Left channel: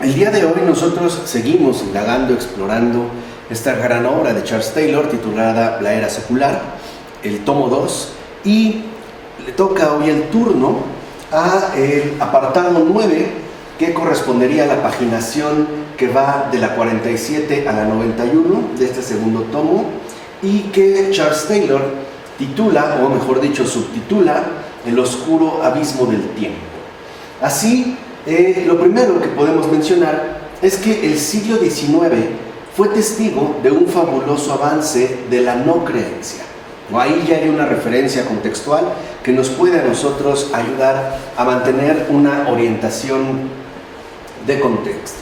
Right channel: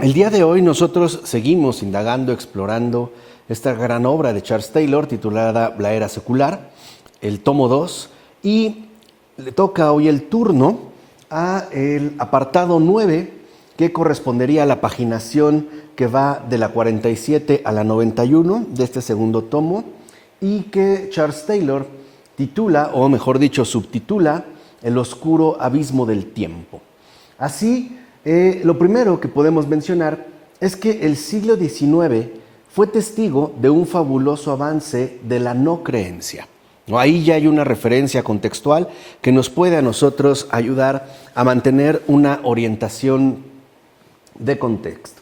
El día de hoy nosotros seguimos indagando, explorando esta gran obra de Charles Taylor titulada La Era Secular, el tomo 2, y le toca hoy el turno a el apartado 9, que correspondería a la paginación que va de la 47 a la 91 de este segundo tomo, y que Charles Taylor titula, o mejor dicho, subtitula, El oscuro abismo del tiempo. Así, lo primero que podemos mencionar es que el siglo XIX fue testigo de un fabuloso avance de la no creencia. Ahí ya hay una referencia contextual que nos puede a nosotros ayudar a mantener una orientación de contexto.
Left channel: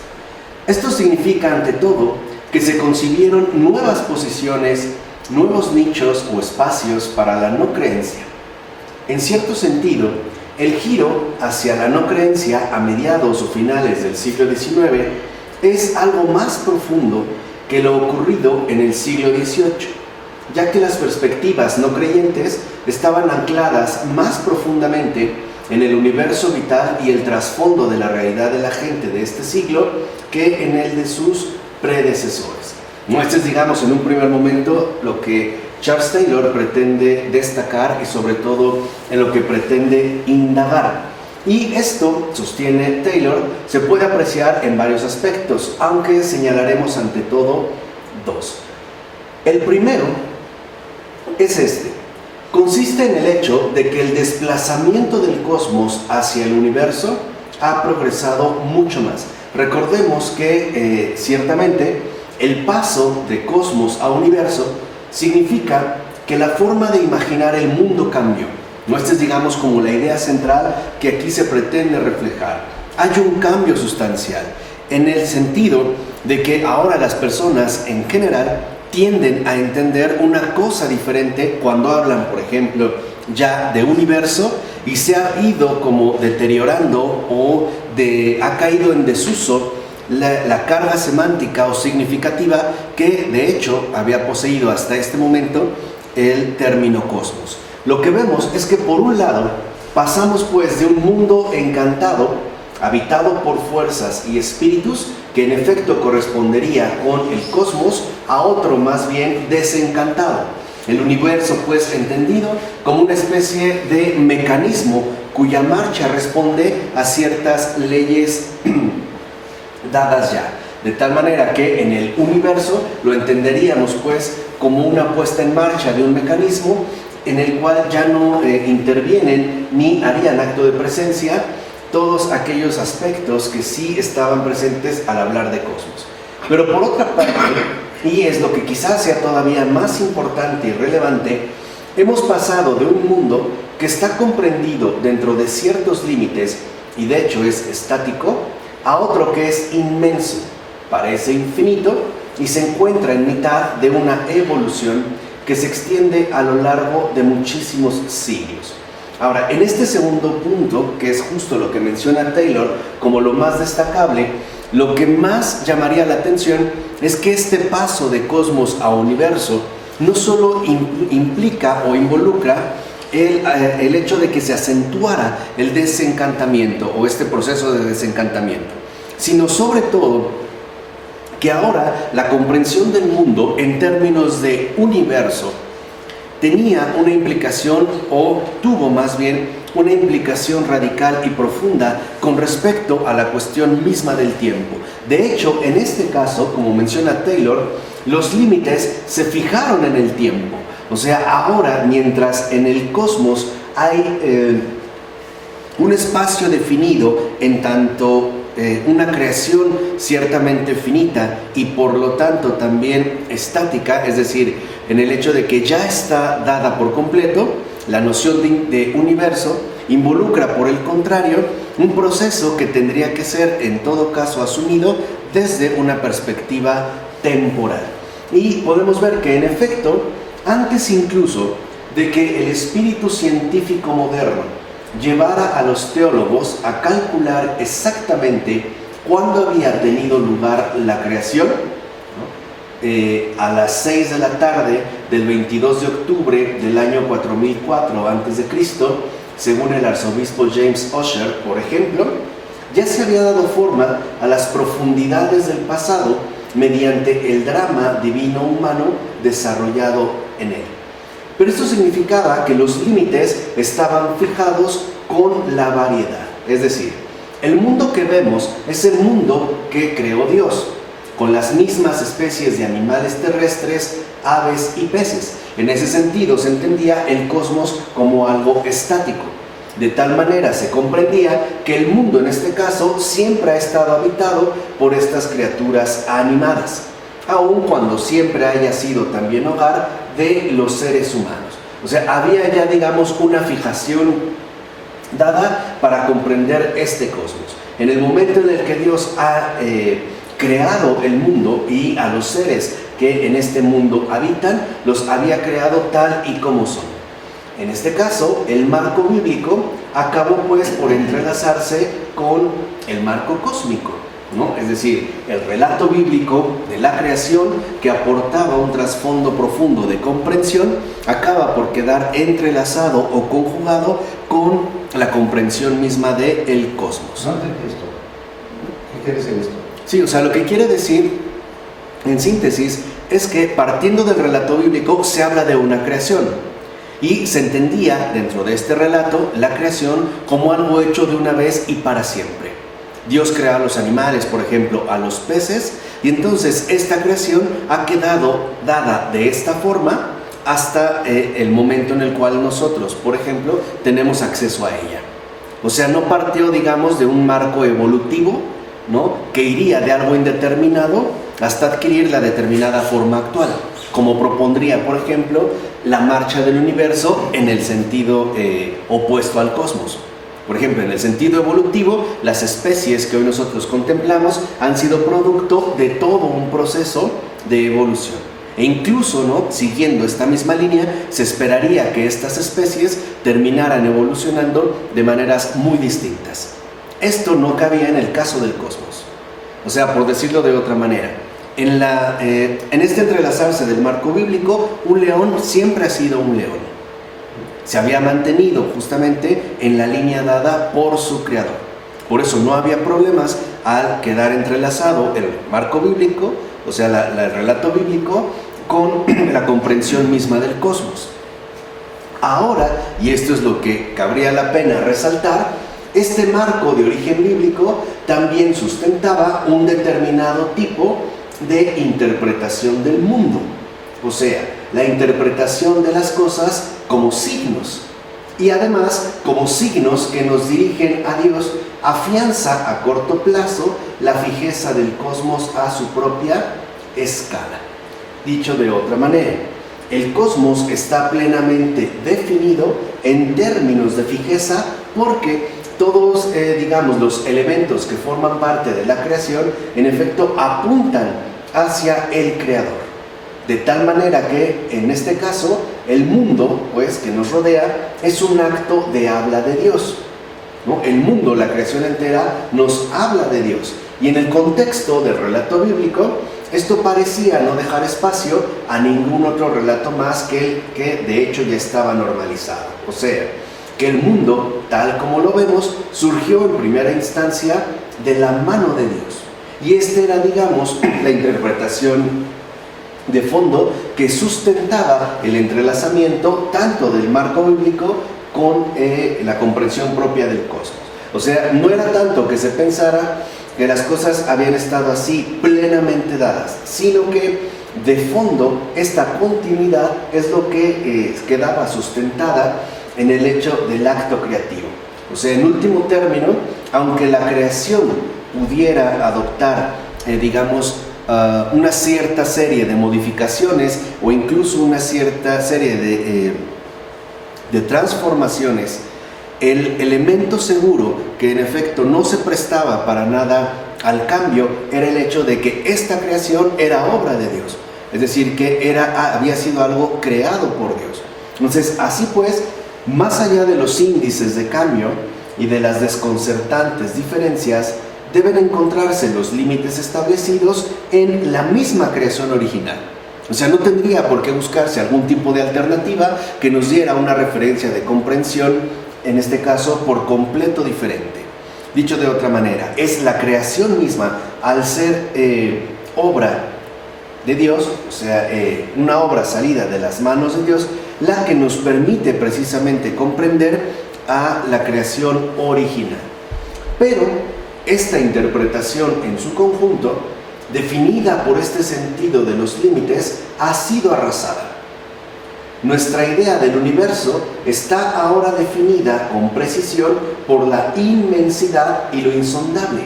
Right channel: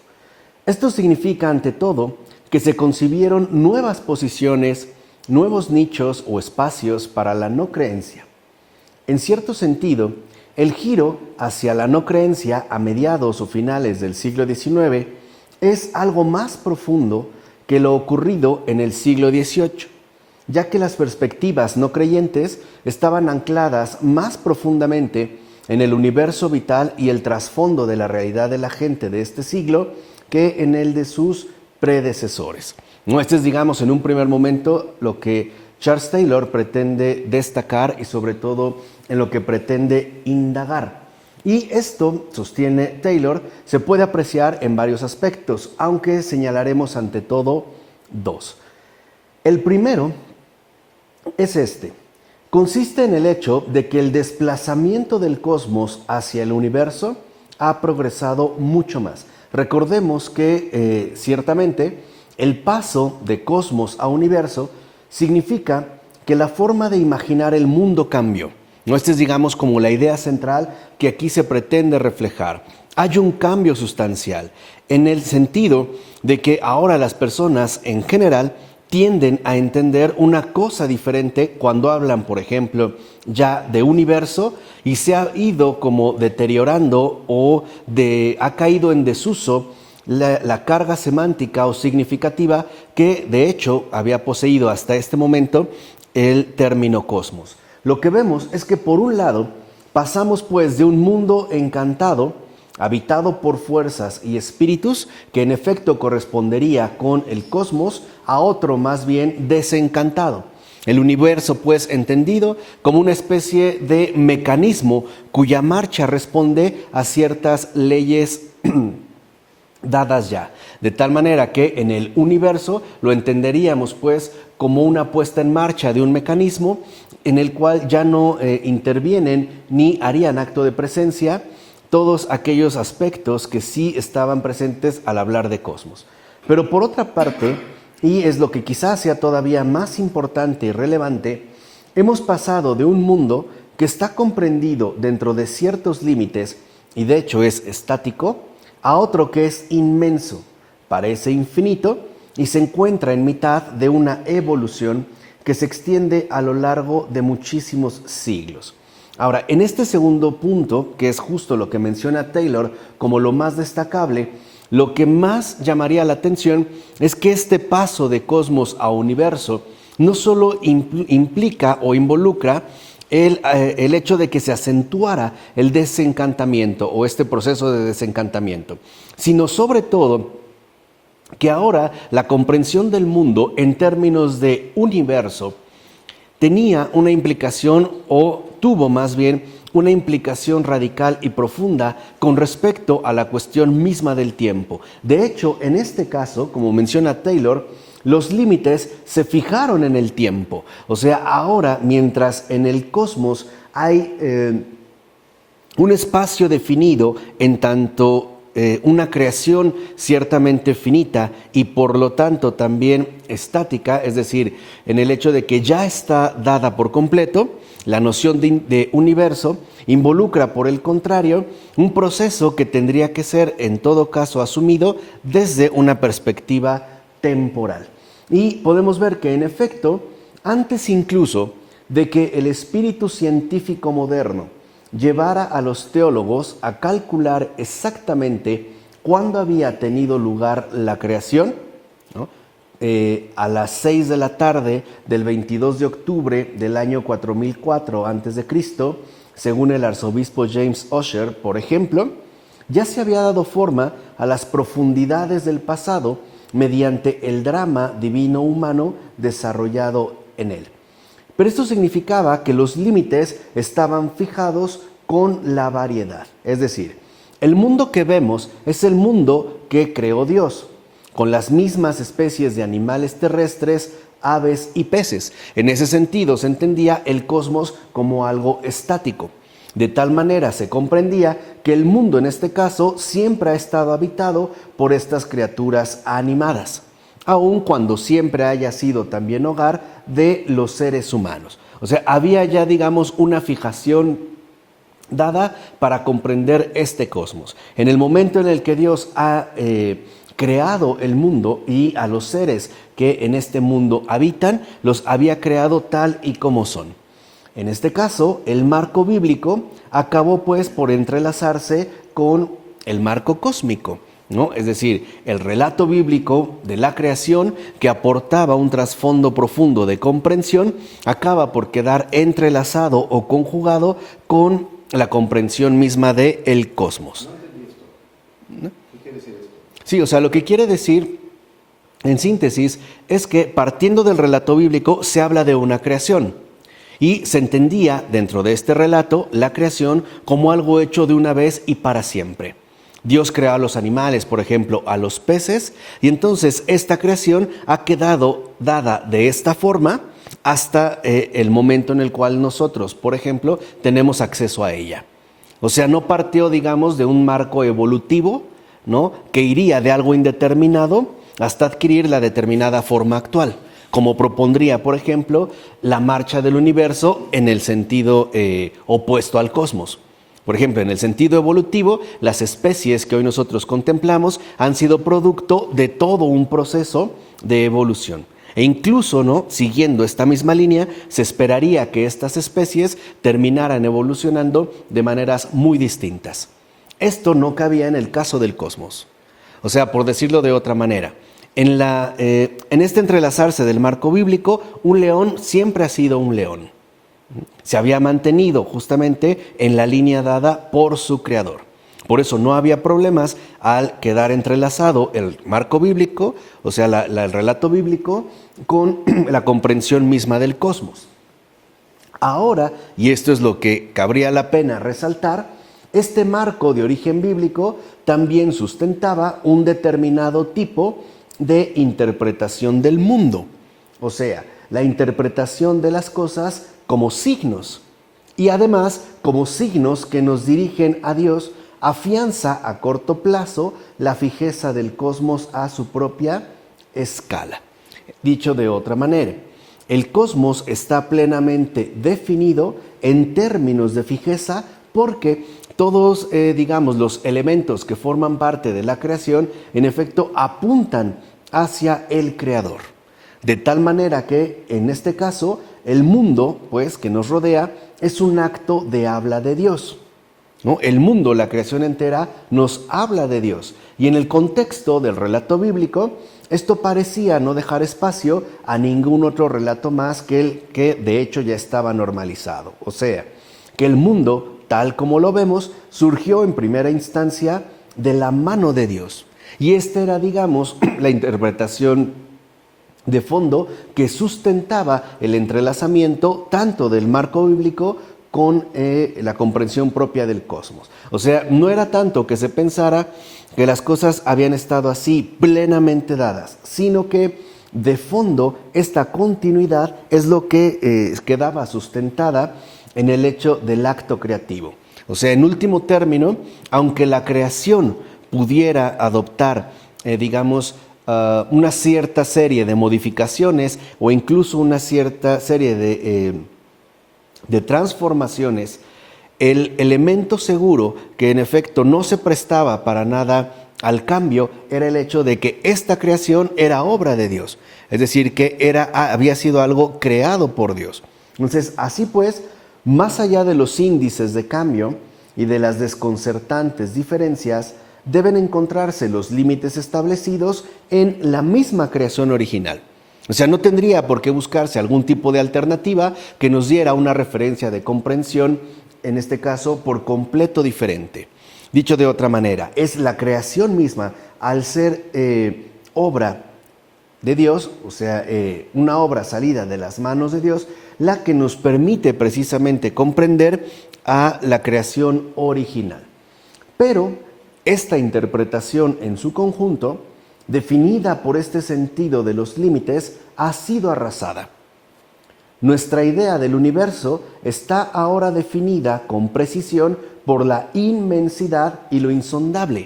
Esto significa, ante todo, que se concibieron nuevas posiciones, nuevos nichos o espacios para la no creencia. En cierto sentido, el giro hacia la no creencia a mediados o finales del siglo XIX es algo más profundo que lo ocurrido en el siglo XVIII, ya que las perspectivas no creyentes estaban ancladas más profundamente en el universo vital y el trasfondo de la realidad de la gente de este siglo que en el de sus predecesores. No, este es, digamos, en un primer momento lo que Charles Taylor pretende destacar y sobre todo en lo que pretende indagar. Y esto, sostiene Taylor, se puede apreciar en varios aspectos, aunque señalaremos ante todo dos. El primero es este. Consiste en el hecho de que el desplazamiento del cosmos hacia el universo ha progresado mucho más. Recordemos que ciertamente el paso de cosmos a universo significa que la forma de imaginar el mundo cambió. No, esta es, digamos, como la idea central que aquí se pretende reflejar. Hay un cambio sustancial en el sentido de que ahora las personas en general tienden a entender una cosa diferente cuando hablan, por ejemplo, ya de universo, y se ha ido como deteriorando o ha caído en desuso la carga semántica o significativa que de hecho había poseído hasta este momento el término cosmos. Lo que vemos es que por un lado pasamos pues de un mundo encantado, habitado por fuerzas y espíritus, que en efecto correspondería con el cosmos, a otro más bien desencantado. El universo pues entendido como una especie de mecanismo cuya marcha responde a ciertas leyes dadas ya, de tal manera que en el universo lo entenderíamos pues como una puesta en marcha de un mecanismo en el cual ya no intervienen ni harían acto de presencia todos aquellos aspectos que sí estaban presentes al hablar de cosmos. Pero por otra parte, y es lo que quizás sea todavía más importante y relevante, hemos pasado de un mundo que está comprendido dentro de ciertos límites y de hecho es estático, a otro que es inmenso, parece infinito y se encuentra en mitad de una evolución que se extiende a lo largo de muchísimos siglos. Ahora, en este segundo punto, que es justo lo que menciona Taylor como lo más destacable, lo que más llamaría la atención es que este paso de cosmos a universo no solo implica o involucra el hecho de que se acentuara el desencantamiento o este proceso de desencantamiento, sino sobre todo que ahora la comprensión del mundo en términos de universo tenía una implicación, o tuvo más bien una implicación radical y profunda con respecto a la cuestión misma del tiempo. De hecho, en este caso, como menciona Taylor, los límites se fijaron en el tiempo. O sea, ahora, mientras en el cosmos hay un espacio definido en tanto una creación ciertamente finita y por lo tanto también estática, es decir, en el hecho de que ya está dada por completo, la noción de universo involucra, por el contrario, un proceso que tendría que ser en todo caso asumido desde una perspectiva temporal. Y podemos ver que en efecto, antes incluso de que el espíritu científico moderno llevara a los teólogos a calcular exactamente cuándo había tenido lugar la creación, ¿no? A las 6 de la tarde del 22 de octubre del año 4004 a.C., según el arzobispo James Ussher, por ejemplo, ya se había dado forma a las profundidades del pasado mediante el drama divino humano desarrollado en él. Pero esto significaba que los límites estaban fijados con la variedad. Es decir, el mundo que vemos es el mundo que creó Dios, con las mismas especies de animales terrestres, aves y peces. En ese sentido se entendía el cosmos como algo estático. De tal manera se comprendía que el mundo en este caso siempre ha estado habitado por estas criaturas animadas, aun cuando siempre haya sido también hogar de los seres humanos. O sea, había ya, digamos, una fijación dada para comprender este cosmos. En el momento en el que Dios ha creado el mundo y a los seres que en este mundo habitan, los había creado tal y como son. En este caso, el marco bíblico acabó pues por entrelazarse con el marco cósmico, ¿no? Es decir, el relato bíblico de la creación, que aportaba un trasfondo profundo de comprensión, acaba por quedar entrelazado o conjugado con la comprensión misma del cosmos. No entendí esto. ¿Qué quiere decir esto? Sí, o sea, lo que quiere decir, en síntesis, es que partiendo del relato bíblico se habla de una creación. Y se entendía dentro de este relato la creación como algo hecho de una vez y para siempre. Dios creó a los animales, por ejemplo, a los peces, y entonces esta creación ha quedado dada de esta forma hasta el momento en el cual nosotros, por ejemplo, tenemos acceso a ella. O sea, no partió, digamos, de un marco evolutivo, ¿no?, que iría de algo indeterminado hasta adquirir la determinada forma actual, como propondría, por ejemplo, la marcha del universo en el sentido opuesto al cosmos. Por ejemplo, en el sentido evolutivo, las especies que hoy nosotros contemplamos han sido producto de todo un proceso de evolución. E incluso, ¿no?, siguiendo esta misma línea, se esperaría que estas especies terminaran evolucionando de maneras muy distintas. Esto no cabía en el caso del cosmos. O sea, por decirlo de otra manera, en este entrelazarse del marco bíblico, un león siempre ha sido un león. Se había mantenido justamente en la línea dada por su creador. Por eso no había problemas al quedar entrelazado el marco bíblico, o sea, el relato bíblico, con la comprensión misma del cosmos. Ahora, y esto es lo que cabría la pena resaltar, este marco de origen bíblico también sustentaba un determinado tipo de interpretación del mundo, o sea, la interpretación de las cosas como signos, y además como signos que nos dirigen a Dios, afianza a corto plazo la fijeza del cosmos a su propia escala. Dicho de otra manera, el cosmos está plenamente definido en términos de fijeza porque todos, digamos, los elementos que forman parte de la creación, en efecto, apuntan hacia el Creador. De tal manera que, en este caso, el mundo, pues, que nos rodea, es un acto de habla de Dios, ¿no? El mundo, la creación entera, nos habla de Dios. Y en el contexto del relato bíblico, esto parecía no dejar espacio a ningún otro relato más que de hecho ya estaba normalizado. O sea, que el mundo, tal como lo vemos, surgió en primera instancia de la mano de Dios. Y esta era, digamos, la interpretación de fondo que sustentaba el entrelazamiento tanto del marco bíblico con la comprensión propia del cosmos. O sea, no era tanto que se pensara que las cosas habían estado así plenamente dadas, sino que de fondo esta continuidad es lo que quedaba sustentada en el hecho del acto creativo. O sea, en último término, aunque la creación pudiera adoptar, digamos, una cierta serie de modificaciones o incluso una cierta serie de transformaciones, el elemento seguro que en efecto no se prestaba para nada al cambio era el hecho de que esta creación era obra de Dios, es decir, que había sido algo creado por Dios. Entonces, así pues, más allá de los índices de cambio y de las desconcertantes diferencias, deben encontrarse los límites establecidos en la misma creación original. O sea, no tendría por qué buscarse algún tipo de alternativa que nos diera una referencia de comprensión, en este caso, por completo diferente. Dicho de otra manera, es la creación misma, al ser obra de Dios, o sea, una obra salida de las manos de Dios, la que nos permite precisamente comprender a la creación original. Pero esta interpretación en su conjunto, definida por este sentido de los límites, ha sido arrasada. Nuestra idea del universo está ahora definida con precisión por la inmensidad y lo insondable,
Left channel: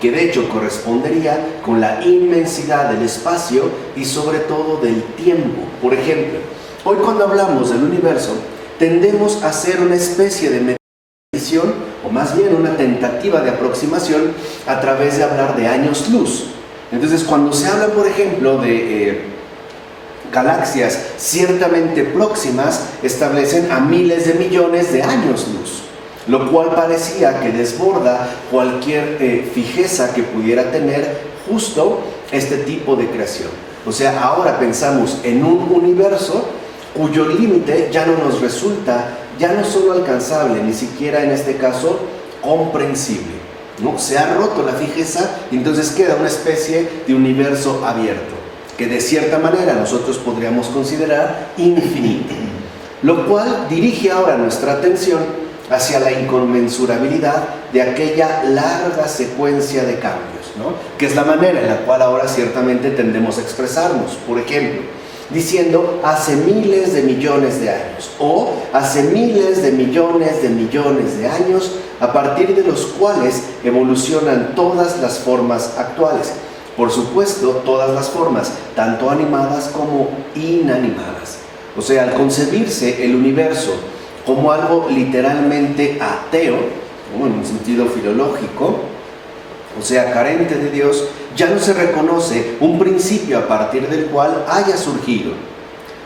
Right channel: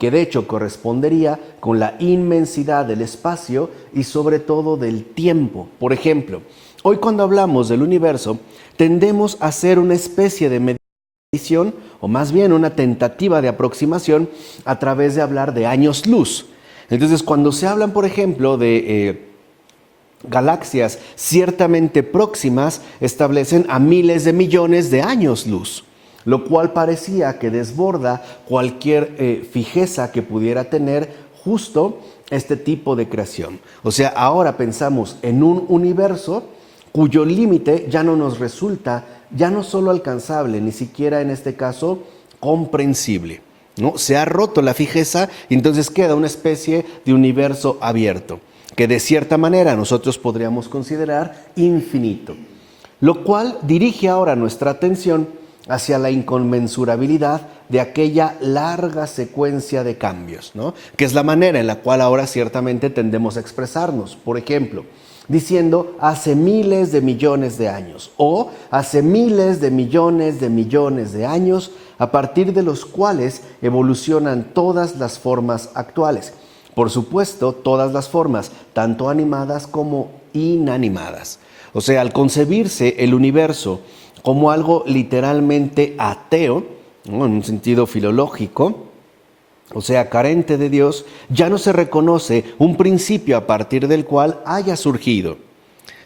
que de hecho correspondería con la inmensidad del espacio y sobre todo del tiempo. Por ejemplo, hoy cuando hablamos del universo, tendemos a hacer una especie de medición, o más bien una tentativa de aproximación a través de hablar de años luz. Entonces, cuando se hablan, por ejemplo, de galaxias ciertamente próximas, establecen a miles de millones de años luz, lo cual parecía que desborda cualquier fijeza que pudiera tener justo este tipo de creación. O sea, ahora pensamos en un universo cuyo límite ya no nos resulta, ya no solo alcanzable, ni siquiera en este caso comprensible, ¿no? Se ha roto la fijeza y entonces queda una especie de universo abierto, que de cierta manera nosotros podríamos considerar infinito, lo cual dirige ahora nuestra atención hacia la inconmensurabilidad de aquella larga secuencia de cambios, ¿no? Que es la manera en la cual ahora ciertamente tendemos a expresarnos. Por ejemplo, diciendo hace miles de millones de años, o hace miles de millones de años, a partir de los cuales evolucionan todas las formas actuales. Por supuesto, todas las formas, tanto animadas como inanimadas. O sea, al concebirse el universo como algo literalmente ateo, ¿no? En un sentido filológico, o sea, carente de Dios, ya no se reconoce un principio a partir del cual haya surgido,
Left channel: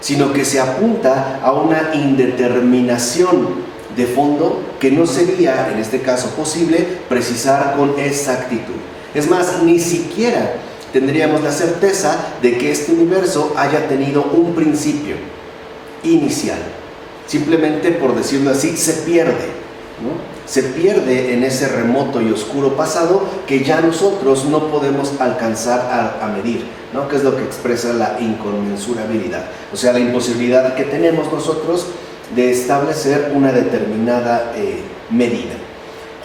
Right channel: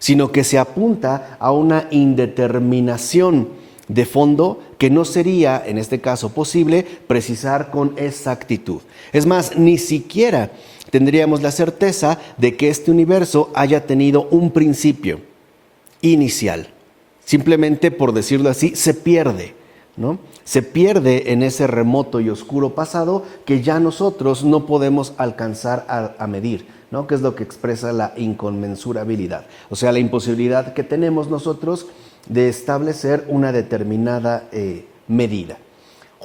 sino que se apunta a una indeterminación de fondo que no sería, en este caso, posible precisar con exactitud. Es más, ni siquiera tendríamos la certeza de que este universo haya tenido un principio inicial. Simplemente, por decirlo así, se pierde, ¿no? Se pierde en ese remoto y oscuro pasado que ya nosotros no podemos alcanzar a medir, ¿no? Que es lo que expresa la inconmensurabilidad. O sea, la imposibilidad que tenemos nosotros de establecer una determinada medida.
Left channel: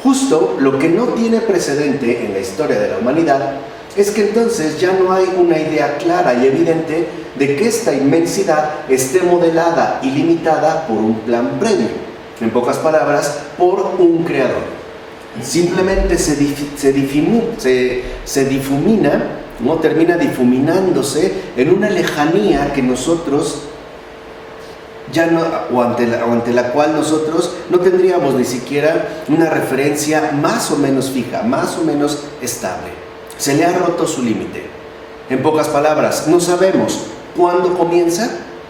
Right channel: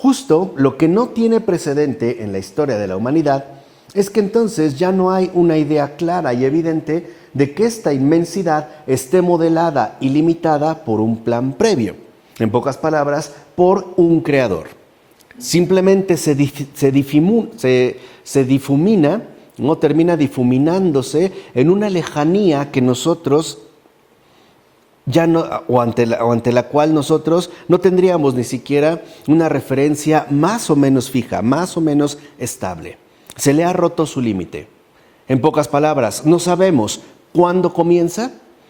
Justo lo que no tiene precedente en la historia de la humanidad es que entonces ya no hay una idea clara y evidente de que esta inmensidad esté modelada y limitada por un plan previo, en pocas palabras, por un creador. Simplemente se difumina, ¿no? Termina difuminándose en una lejanía que nosotros ya no, o ante la cual nosotros no tendríamos ni siquiera una referencia más o menos fija, más o menos estable. Se le ha roto su límite. En pocas palabras, no sabemos cuándo comienza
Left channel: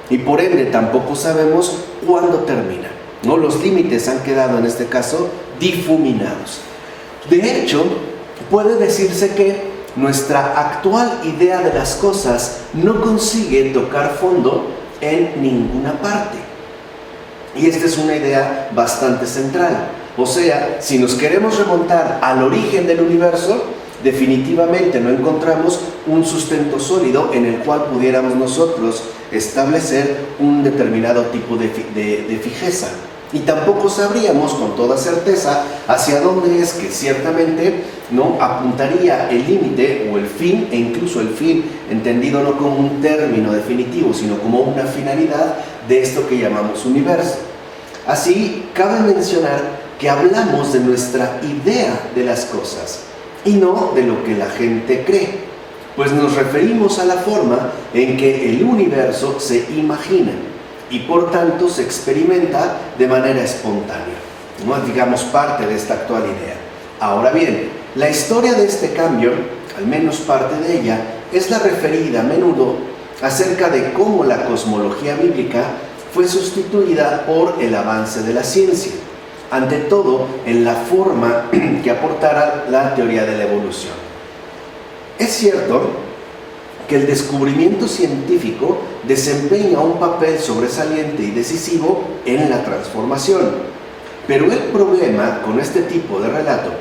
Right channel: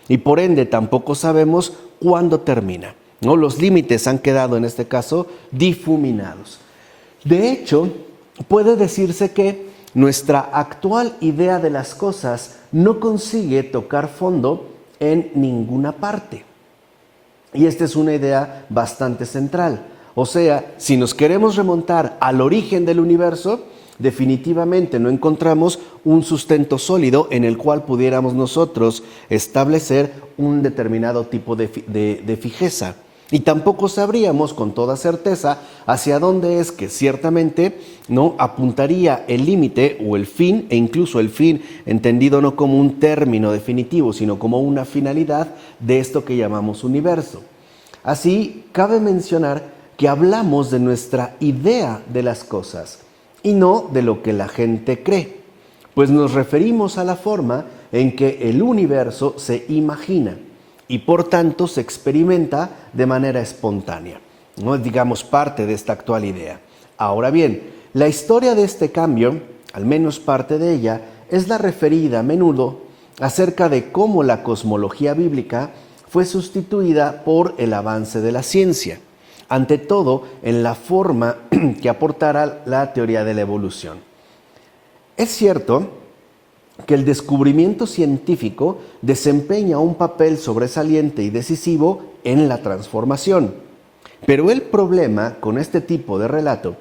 y por ende tampoco sabemos cuándo termina, ¿no? Los límites han quedado en este caso difuminados. De hecho, puede decirse que nuestra actual idea de las cosas no consigue tocar fondo en ninguna parte. Y esta es una idea bastante central. O sea, si nos queremos remontar al origen del universo, definitivamente no encontramos un sustento sólido en el cual pudiéramos nosotros establecer un determinado tipo de fijeza. Y tampoco sabríamos con toda certeza hacia dónde es que ciertamente no apuntaría el límite o el fin, e incluso el fin entendido no como un término definitivo, sino como una finalidad de esto que llamamos universo. Así, cabe mencionar que hablamos de nuestra idea de las cosas y no de lo que la gente cree, pues nos referimos a la forma en que el universo se imagina y por tanto se experimenta de manera espontánea, no es, digamos, parte de esta actual idea. Ahora bien, la historia de este cambio, al menos parte de ella, es la referida a menudo acerca de cómo la cosmología bíblica fue sustituida por el avance de la ciencia, ante todo en la forma que aportara la teoría de la evolución. Es cierto que el descubrimiento científico desempeña un papel sobresaliente y decisivo en la transformación, pero el problema con este tipo de relato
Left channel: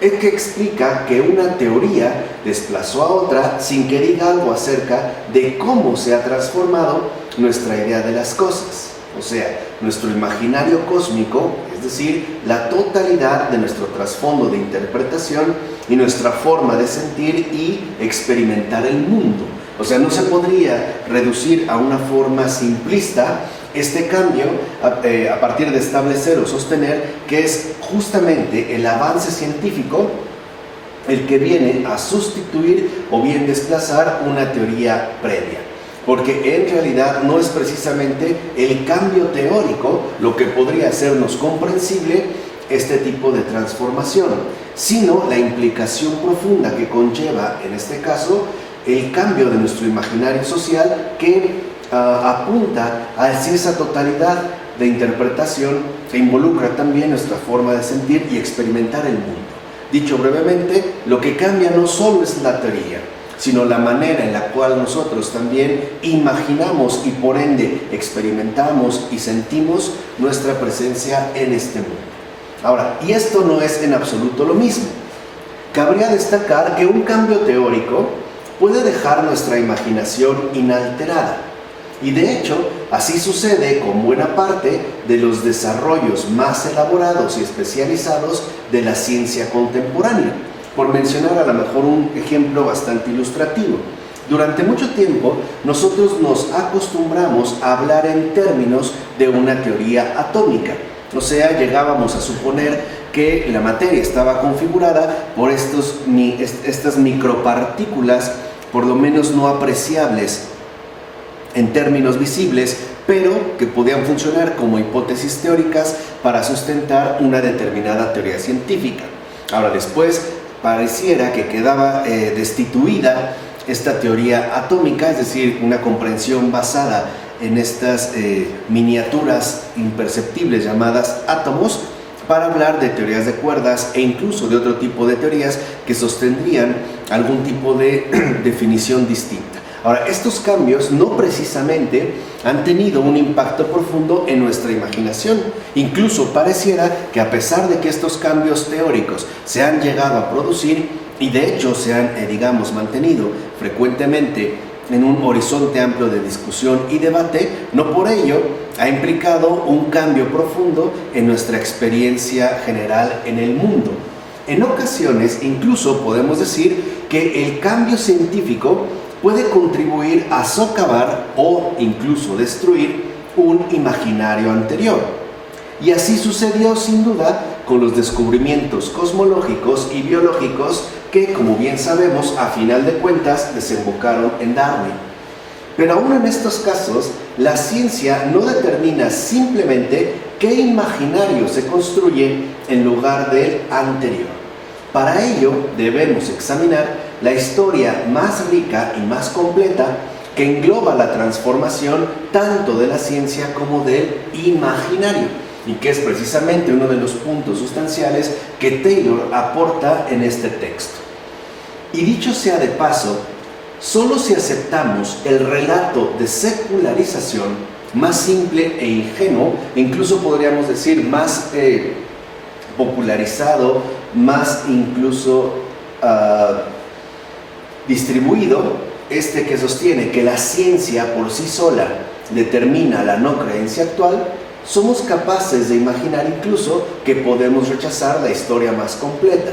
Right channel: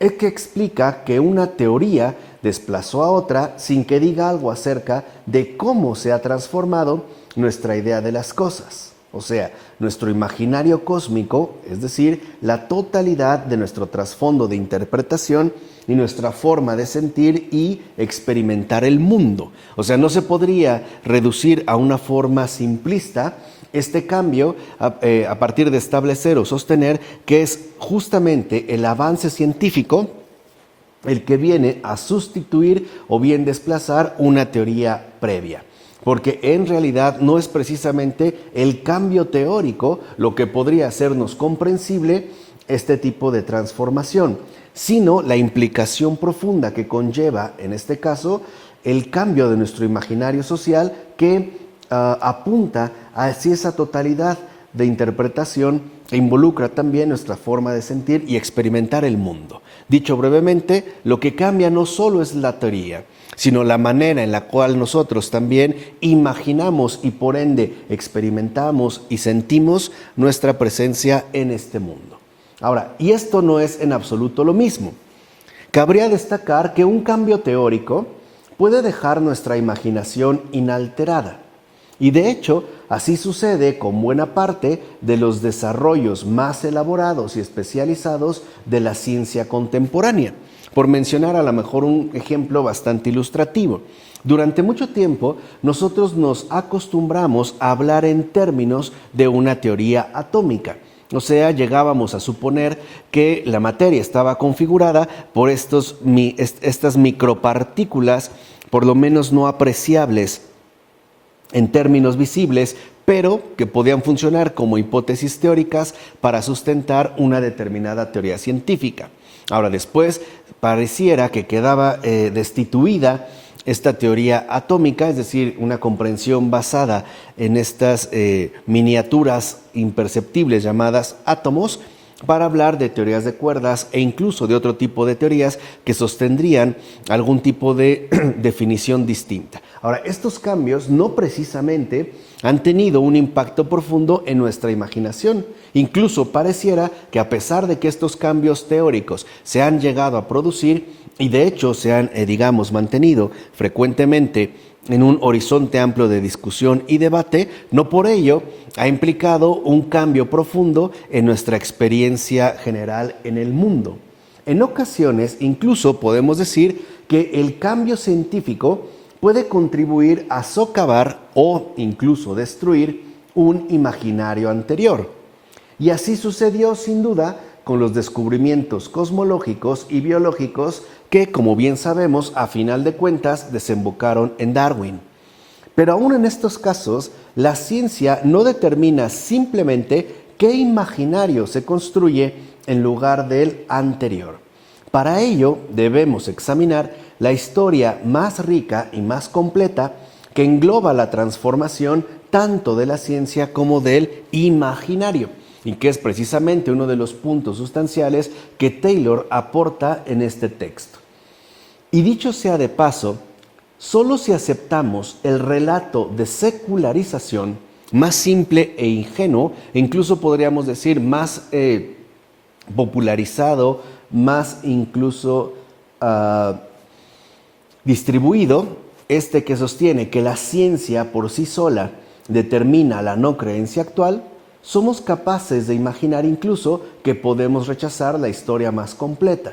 es que explica que una teoría desplazó a otra sin que diga algo acerca de cómo se ha transformado nuestra idea de las cosas. O sea, nuestro imaginario cósmico, es decir, la totalidad de nuestro trasfondo de interpretación y nuestra forma de sentir y experimentar el mundo. O sea, no se podría reducir a una forma simplista este cambio a partir de establecer o sostener que es justamente el avance científico el que viene a sustituir o bien desplazar una teoría previa. Porque en realidad no es precisamente el cambio teórico lo que podría hacernos comprensible este tipo de transformación, sino la implicación profunda que conlleva, en este caso, el cambio de nuestro imaginario social que apunta hacia esa totalidad de interpretación que involucra también nuestra forma de sentir y experimentar el mundo. Dicho brevemente, lo que cambia no solo es la teoría, sino la manera en la cual nosotros también imaginamos y por ende experimentamos y sentimos nuestra presencia en este mundo. Ahora, y esto no es en absoluto lo mismo. Cabría destacar que un cambio teórico puede dejar nuestra imaginación inalterada. Y de hecho, así sucede con buena parte de los desarrollos más elaborados y especializados de la ciencia contemporánea. Por mencionar a lo mejor un ejemplo bastante ilustrativo. Durante mucho tiempo nosotros nos acostumbramos a hablar en términos de una teoría atómica. O sea, llegábamos a suponer que la materia estaba configurada por estas micropartículas, por lo menos no apreciables en términos visibles, pero que podían funcionar como hipótesis teóricas para sustentar una determinada teoría científica. Ahora, después pareciera que quedaba destituida esta teoría atómica, es decir, una comprensión basada en estas miniaturas imperceptibles llamadas átomos, para hablar de teorías de cuerdas e incluso de otro tipo de teorías que sostendrían algún tipo de definición distinta. Ahora, estos cambios no precisamente han tenido un impacto profundo en nuestra imaginación. Incluso pareciera que a pesar de que estos cambios teóricos se han llegado a producir y de hecho se han, mantenido frecuentemente en un horizonte amplio de discusión y debate, no por ello ha implicado un cambio profundo en nuestra experiencia general en el mundo. En ocasiones, incluso podemos decir que el cambio científico puede contribuir a socavar o incluso destruir un imaginario anterior. Y así sucedió sin duda con los descubrimientos cosmológicos y biológicos que, como bien sabemos, a final de cuentas desembocaron en Darwin. Pero aún en estos casos, la ciencia no determina simplemente qué imaginario se construye en lugar del anterior. Para ello debemos examinar la historia más rica y más completa que engloba la transformación tanto de la ciencia como del imaginario, y que es precisamente uno de los puntos sustanciales que Taylor aporta en este texto. Y dicho sea de paso, solo si aceptamos el relato de secularización más simple e ingenuo, e incluso podríamos decir más popularizado, más incluso distribuido, que sostiene que la ciencia por sí sola determina la no creencia actual, somos capaces de imaginar incluso que podemos rechazar la historia más completa,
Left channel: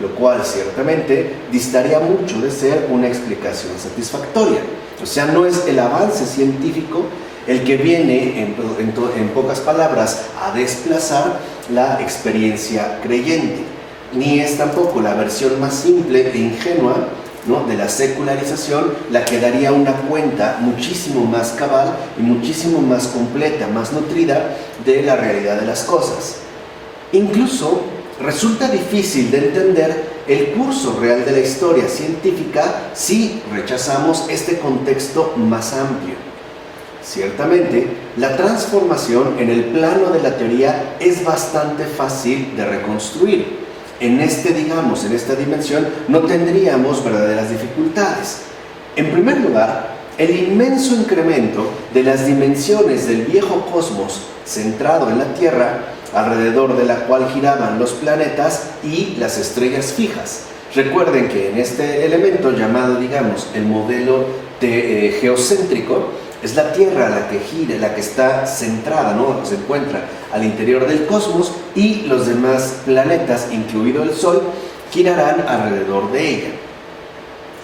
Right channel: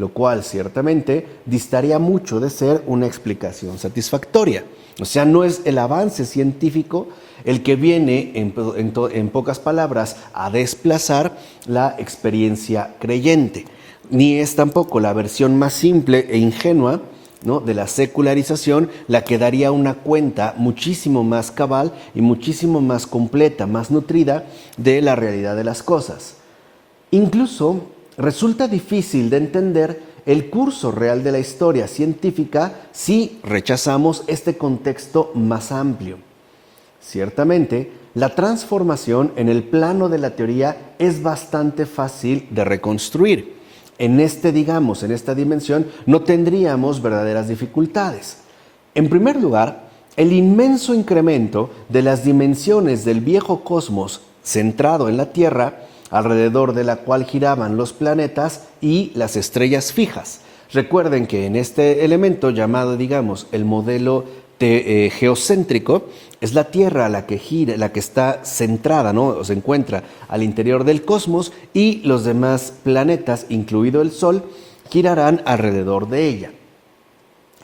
lo cual ciertamente distaría mucho de ser una explicación satisfactoria. O sea, no es el avance científico el que viene, en pocas palabras, a desplazar la experiencia creyente, ni es tampoco la versión más simple e ingenua, ¿no?, de la secularización la que daría una cuenta muchísimo más cabal y muchísimo más completa, más nutrida de la realidad de las cosas. Incluso resulta difícil de entender el curso real de la historia científica si rechazamos este contexto más amplio. Ciertamente, la transformación en el plano de la teoría es bastante fácil de reconstruir. En esta dimensión no tendríamos verdaderas dificultades. En primer lugar, el inmenso incremento de las dimensiones del viejo cosmos centrado en la Tierra alrededor de la cual giraban los planetas y las estrellas fijas. Recuerden que en este elemento llamado, digamos, el modelo geocéntrico, es la Tierra la que gira, la que está centrada, ¿no? Se encuentra al interior del cosmos, y los demás planetas, incluido el Sol, girarán alrededor de ella,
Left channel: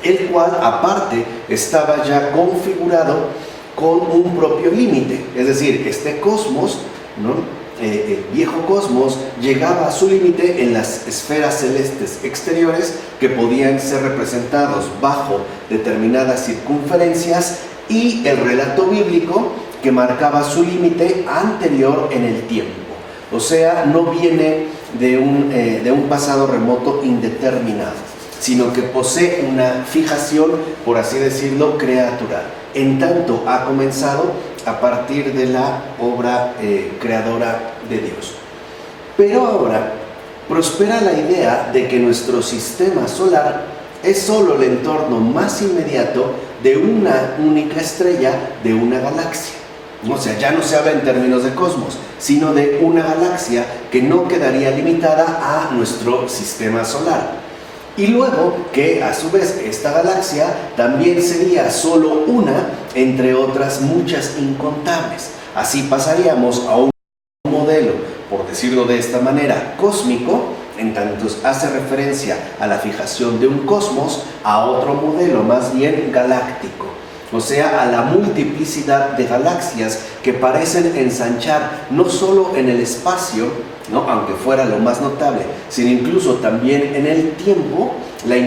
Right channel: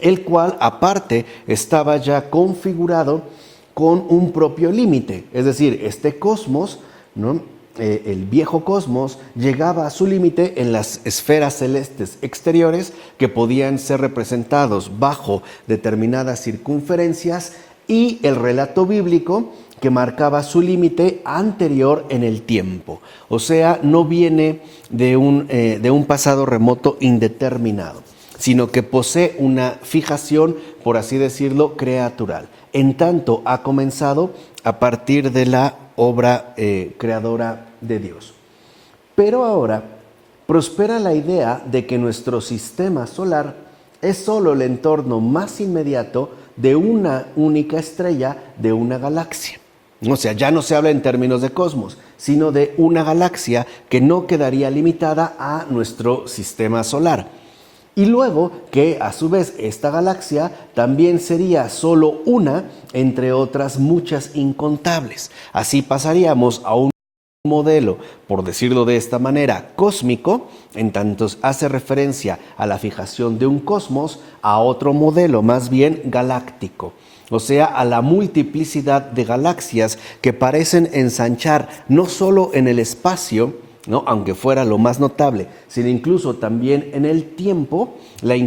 el cual aparte estaba ya configurado con un propio límite. Es decir, este cosmos, ¿no? El viejo cosmos llegaba a su límite en las esferas celestes exteriores, que podían ser representados bajo determinadas circunferencias, y el relato bíblico, que marcaba su límite anterior en el tiempo. O sea, no viene de un pasado remoto indeterminado, sino que posee una fijación, por así decirlo, creatural, en tanto ha comenzado a partir de la obra creadora de Dios. Pero ahora prospera la idea de que nuestro sistema solar es solo el entorno más inmediato de una única estrella de una galaxia. O sea, ya no se habla en términos de cosmos, sino de una galaxia que no quedaría limitada a nuestro sistema solar. Y luego que a su vez esta galaxia también sería solo una entre otras muchas incontables. Así pasaríamos a un modelo, por decirlo de esta manera, cósmico, en tanto hace referencia a la fijación de un cosmos, a otro modelo más bien galáctico, o sea, a la multiplicidad de galaxias que parecen ensanchar no solo en el espacio, ¿no? Aunque fuera lo más notable, sino incluso también en el tiempo, la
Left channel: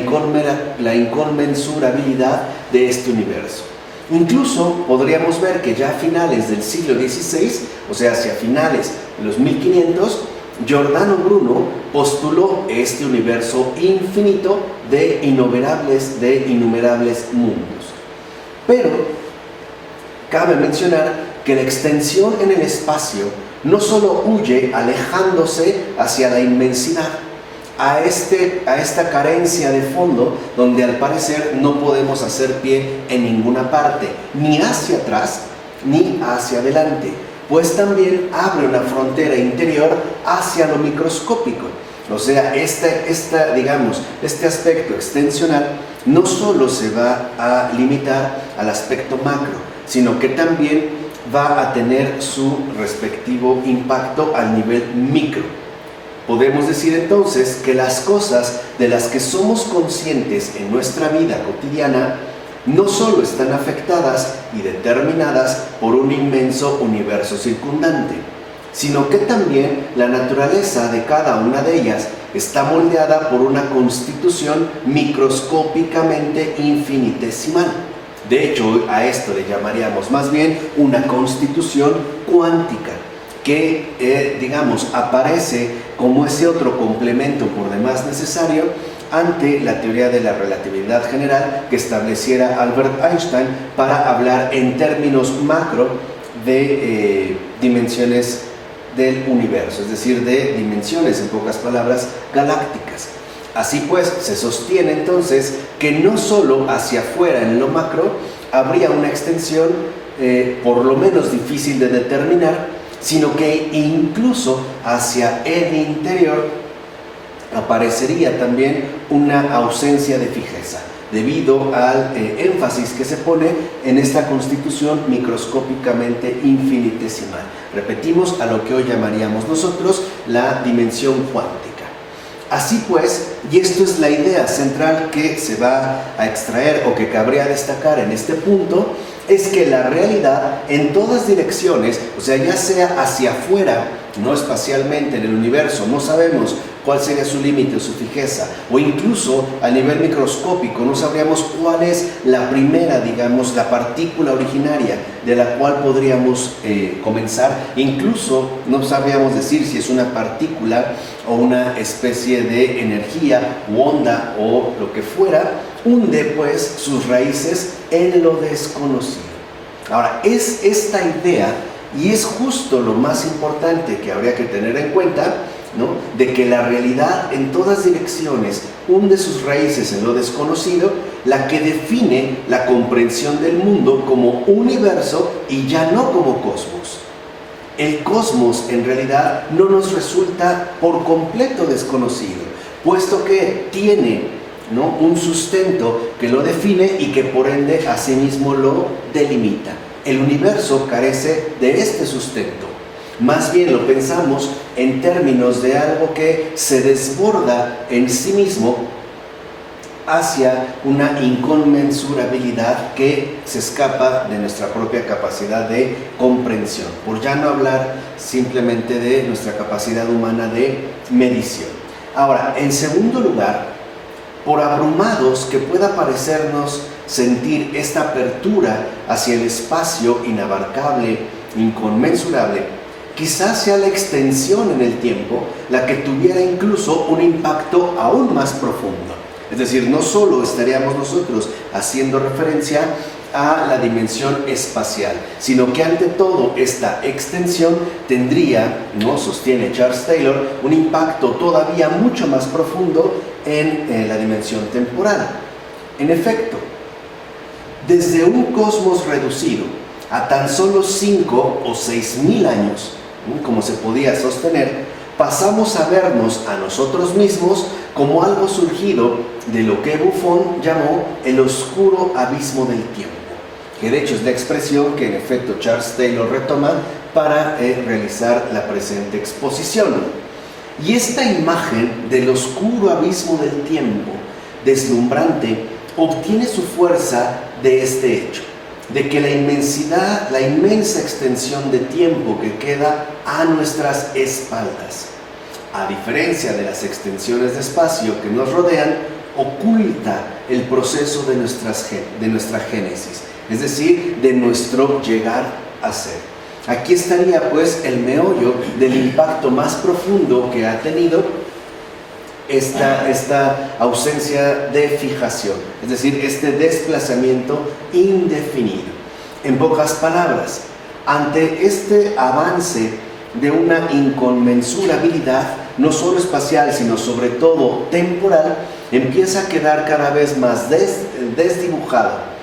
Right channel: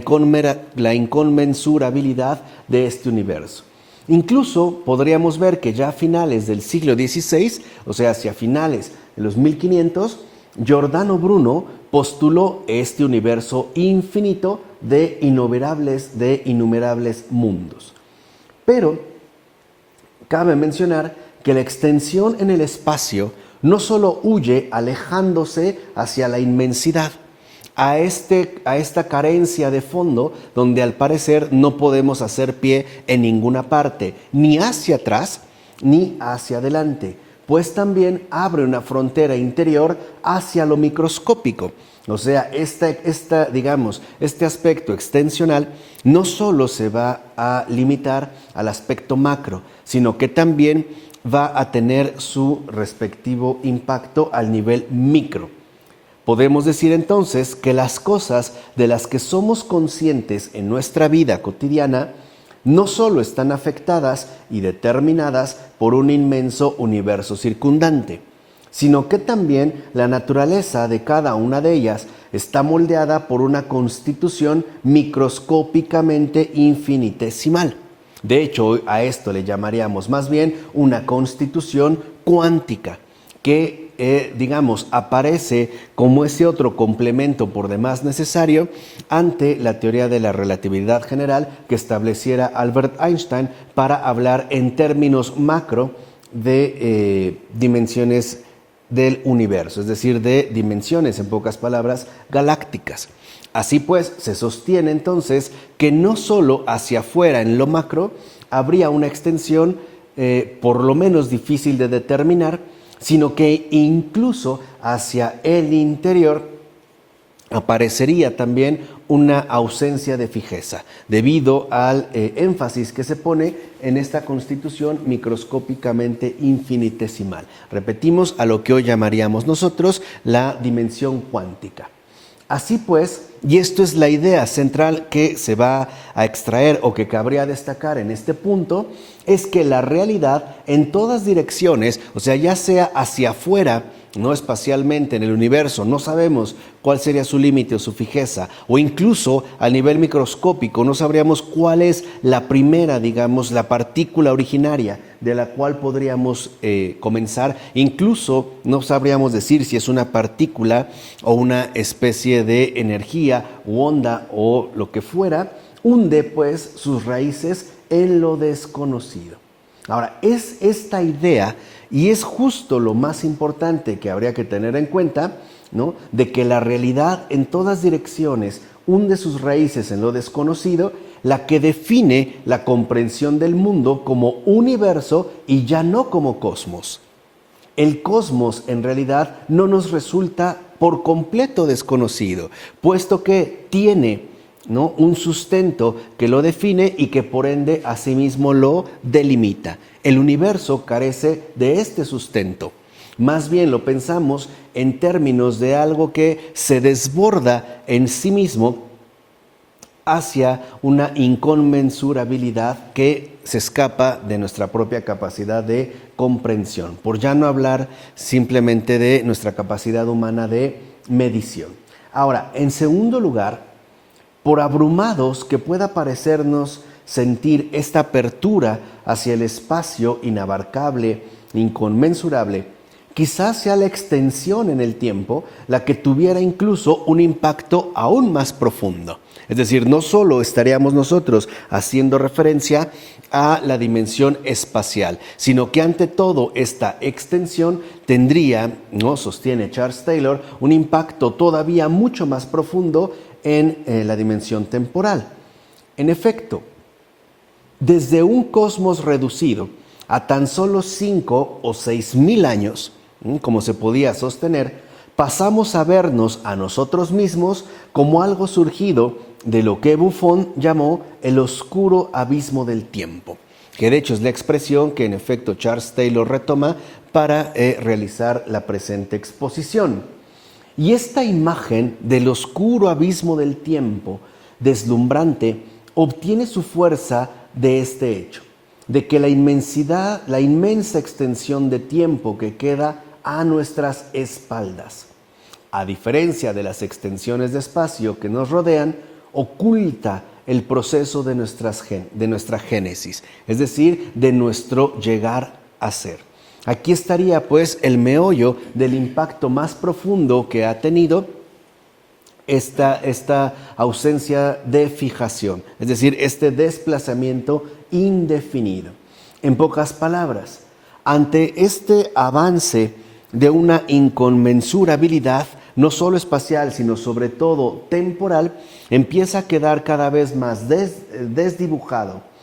inconmensurabilidad de este universo. Incluso podríamos ver que ya a finales del siglo XVI, o sea, hacia finales de los 1500, Giordano Bruno postuló este universo infinito de innumerables mundos. Pero cabe mencionar que la extensión en el espacio no solo huye alejándose hacia la inmensidad, a esta carencia de fondo, donde al parecer no podemos hacer pie en ninguna parte, ni hacia atrás ni hacia adelante, pues también abre una frontera interior hacia lo microscópico. O sea, este aspecto extensional no solo se va a limitar al aspecto macro, sino que también va a tener su respectivo impacto al nivel micro. Podemos decir entonces que las cosas de las que somos conscientes en nuestra vida cotidiana no solo están afectadas y determinadas por un inmenso universo circundante, sino que también la naturaleza de cada una de ellas está moldeada por una constitución microscópicamente infinitesimal. De hecho, a esto le llamaríamos más bien una constitución cuántica, que, aparece como ese otro complemento por demás necesario ante la teoría de la relatividad general que estableciera Albert Einstein para hablar en términos macro de dimensiones del universo, es decir, de dimensiones, en pocas palabras, galácticas. Así pues, se sostiene entonces que no solo hacia afuera en lo macro habría una extensión por lo menos difícil de determinar, sino que incluso hacia el interior aparecería también una ausencia de fijeza, debido al énfasis que se pone en esta constitución microscópicamente infinitesimal. Repetimos, a lo que hoy llamaríamos nosotros la dimensión cuántica. Así pues, y esto es la idea central que se va a extraer o que cabría destacar en este punto, es que la realidad en todas direcciones, o sea, ya sea hacia afuera, no espacialmente en el universo, no sabemos cuál sería su límite o su fijeza, o incluso a nivel microscópico no sabríamos cuál es la primera, la partícula originaria de la cual podríamos comenzar. Incluso no sabríamos decir si es una partícula o una especie de energía u onda o lo que fuera, hunde pues sus raíces en lo desconocido. Ahora, es esta idea, y es justo lo más importante que habría que tener en cuenta, ¿no?, de que la realidad en todas direcciones hunde sus raíces en lo desconocido, la que define la comprensión del mundo como universo y ya no como cosmos. el cosmos en realidad no nos resulta por completo desconocido, puesto que tiene, ¿no?, un sustento que lo define y que por ende asimismo lo delimita. El universo carece de este sustento. Más bien lo pensamos en términos de algo que se desborda en sí mismo hacia una inconmensurabilidad que se escapa de nuestra propia capacidad de comprensión, por ya no hablar simplemente de nuestra capacidad humana de medición. Ahora, en segundo lugar, por abrumados que pueda parecernos sentir esta apertura hacia el espacio inabarcable, inconmensurable, quizás sea la extensión en el tiempo la que tuviera incluso un impacto aún más profundo. Es decir, no solo estaríamos nosotros haciendo referencia a la dimensión espacial, sino que ante todo esta extensión tendría, ¿no?, sostiene Charles Taylor, un impacto todavía mucho más profundo en la dimensión temporal. En efecto, desde un cosmos reducido a tan solo 5 o 6,000 años, como se podía sostener, pasamos a vernos a nosotros mismos como algo surgido de lo que Buffon llamó el oscuro abismo del tiempo, que de hecho es la expresión que en efecto Charles Taylor retoma para realizar la presente exposición. Y esta imagen del oscuro abismo del tiempo, deslumbrante, obtiene su fuerza de este hecho, de que la inmensa extensión de tiempo que queda a nuestras espaldas, a diferencia de las extensiones de espacio que nos rodean, oculta el proceso de nuestra génesis, es decir, de nuestro llegar a ser. Aquí estaría pues el meollo del impacto más profundo que ha tenido esta ausencia de fijación, es decir, este desplazamiento indefinido. En pocas palabras, ante este avance de una inconmensurabilidad, no solo espacial, sino sobre todo temporal, empieza a quedar cada vez más desdibujado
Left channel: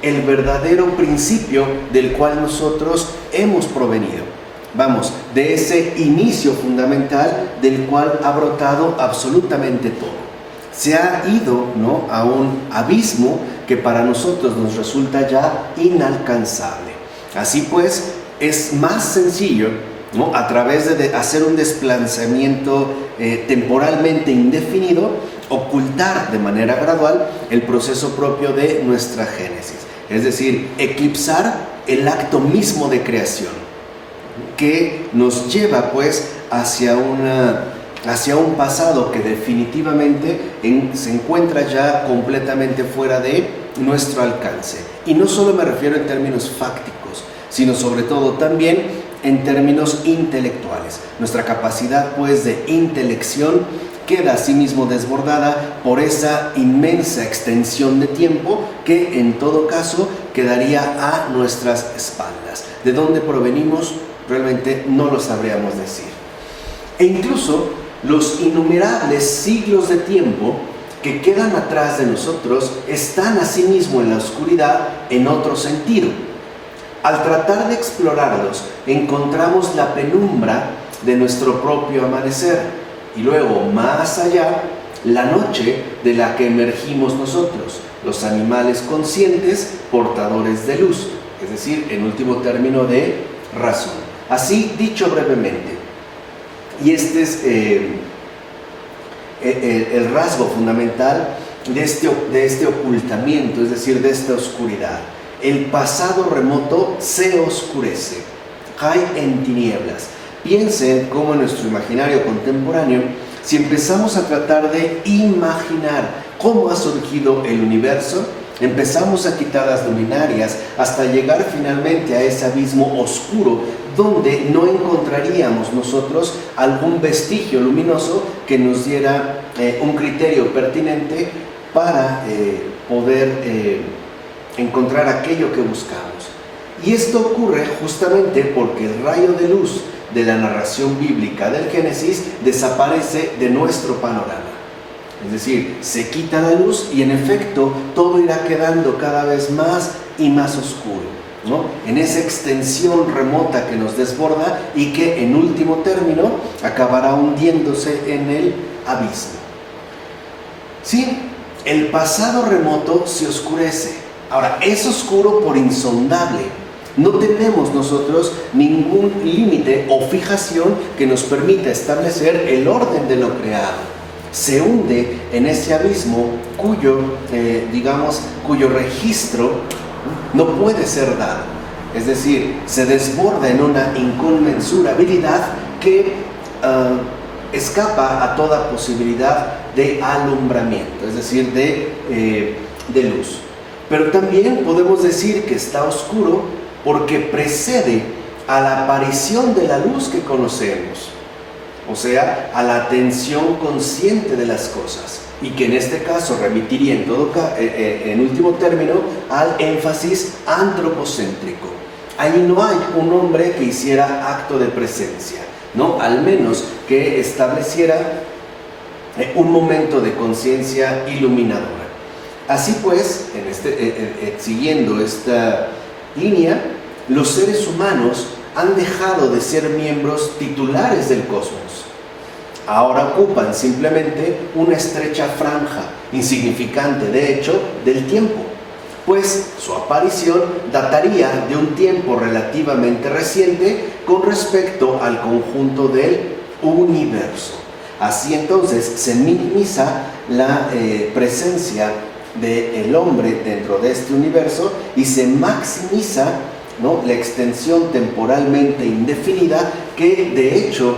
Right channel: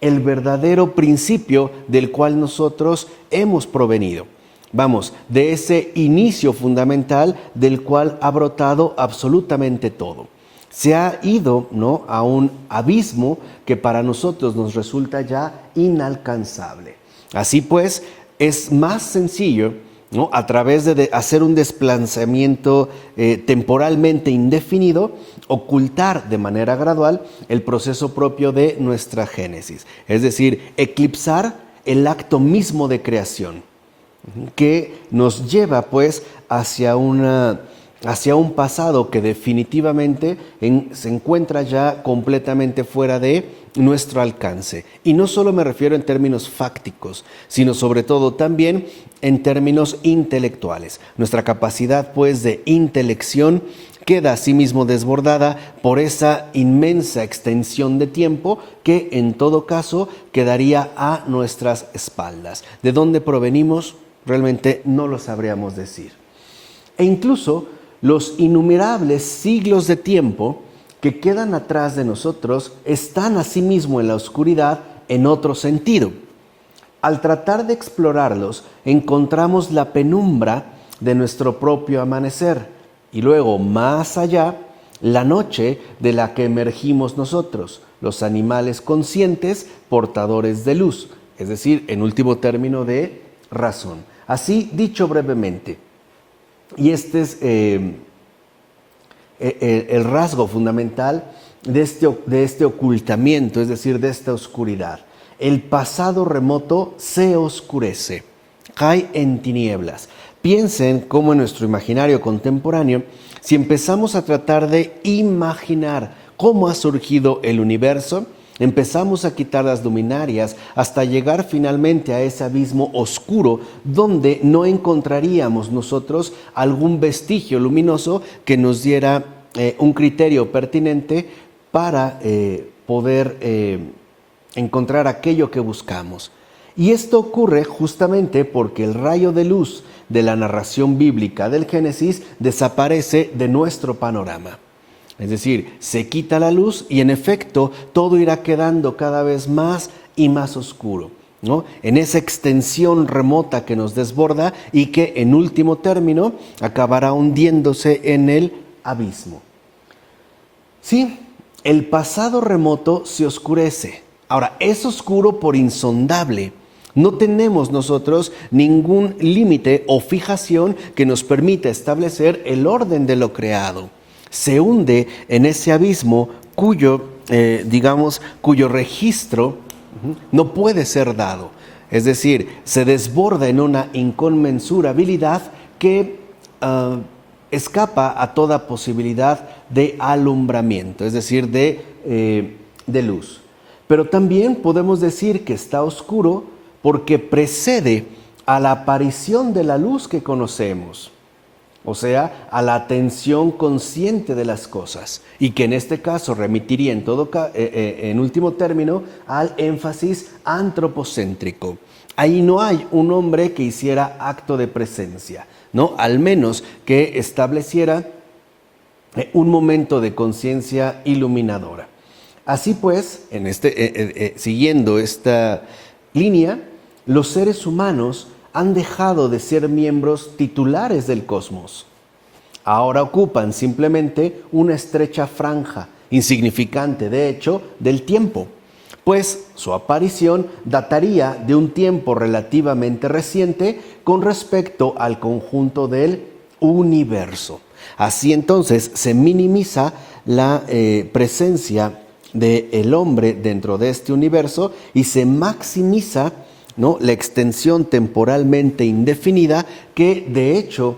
el verdadero principio del cual nosotros hemos provenido. Vamos, de ese inicio fundamental del cual ha brotado absolutamente todo. Se ha ido, ¿no?, a un abismo que para nosotros nos resulta ya inalcanzable. Así pues, es más sencillo, ¿no?, a través de hacer un desplazamiento temporalmente indefinido, ocultar de manera gradual el proceso propio de nuestra génesis. Es decir, eclipsar el acto mismo de creación, que nos lleva pues hacia un pasado que definitivamente se encuentra ya completamente fuera de nuestro alcance. Y no solo me refiero en términos fácticos, sino sobre todo también en términos intelectuales. Nuestra capacidad pues de intelección queda asimismo desbordada por esa inmensa extensión de tiempo que en todo caso quedaría a nuestras espaldas. ¿De dónde provenimos? Realmente no lo sabríamos decir. E incluso los innumerables siglos de tiempo que quedan atrás de nosotros están asimismo en la oscuridad en otro sentido. Al tratar de explorarlos, encontramos la penumbra de nuestro propio amanecer y luego, más allá, la noche de la que emergimos nosotros, los animales conscientes portadores de luz, es decir, en último término de razón. Así dicho brevemente, y este es el rasgo fundamental de este ocultamiento, es decir, de esta oscuridad. El pasado remoto se oscurece, cae en tinieblas. Piensen cómo en nuestro imaginario contemporáneo, si empezamos a tratar de imaginar cómo ha surgido el universo, empezamos a quitar las luminarias hasta llegar finalmente a ese abismo oscuro donde no encontraríamos nosotros algún vestigio luminoso que nos diera un criterio pertinente para poder encontrar aquello que buscamos. Y esto ocurre justamente porque el rayo de luz de la narración bíblica del Génesis desaparece de nuestro panorama. Es decir, se quita la luz y en efecto todo irá quedando cada vez más y más oscuro. ¿no? En esa extensión remota que nos desborda y que en último término acabará hundiéndose en el abismo. Sí, el pasado remoto se oscurece. Ahora, es oscuro por insondable. No tenemos nosotros ningún límite o fijación que nos permita establecer el orden de lo creado. Se hunde en ese abismo cuyo registro no puede ser dado. Es decir, se desborda en una inconmensurabilidad que escapa a toda posibilidad de alumbramiento, es decir, de luz. Pero también podemos decir que está oscuro porque precede a la aparición de la luz que conocemos, o sea, a la atención consciente de las cosas, y que en este caso remitiría en último término al énfasis antropocéntrico. Ahí no hay un hombre que hiciera acto de presencia, ¿no? Al menos que estableciera un momento de conciencia iluminadora. Así pues, siguiendo esta línea, los seres humanos han dejado de ser miembros titulares del cosmos. Ahora ocupan simplemente una estrecha franja, insignificante de hecho, del tiempo, pues su aparición dataría de un tiempo relativamente reciente con respecto al conjunto del universo. Así entonces se minimiza la presencia del hombre dentro de este universo y se maximiza, ¿no?, la extensión temporalmente indefinida que de hecho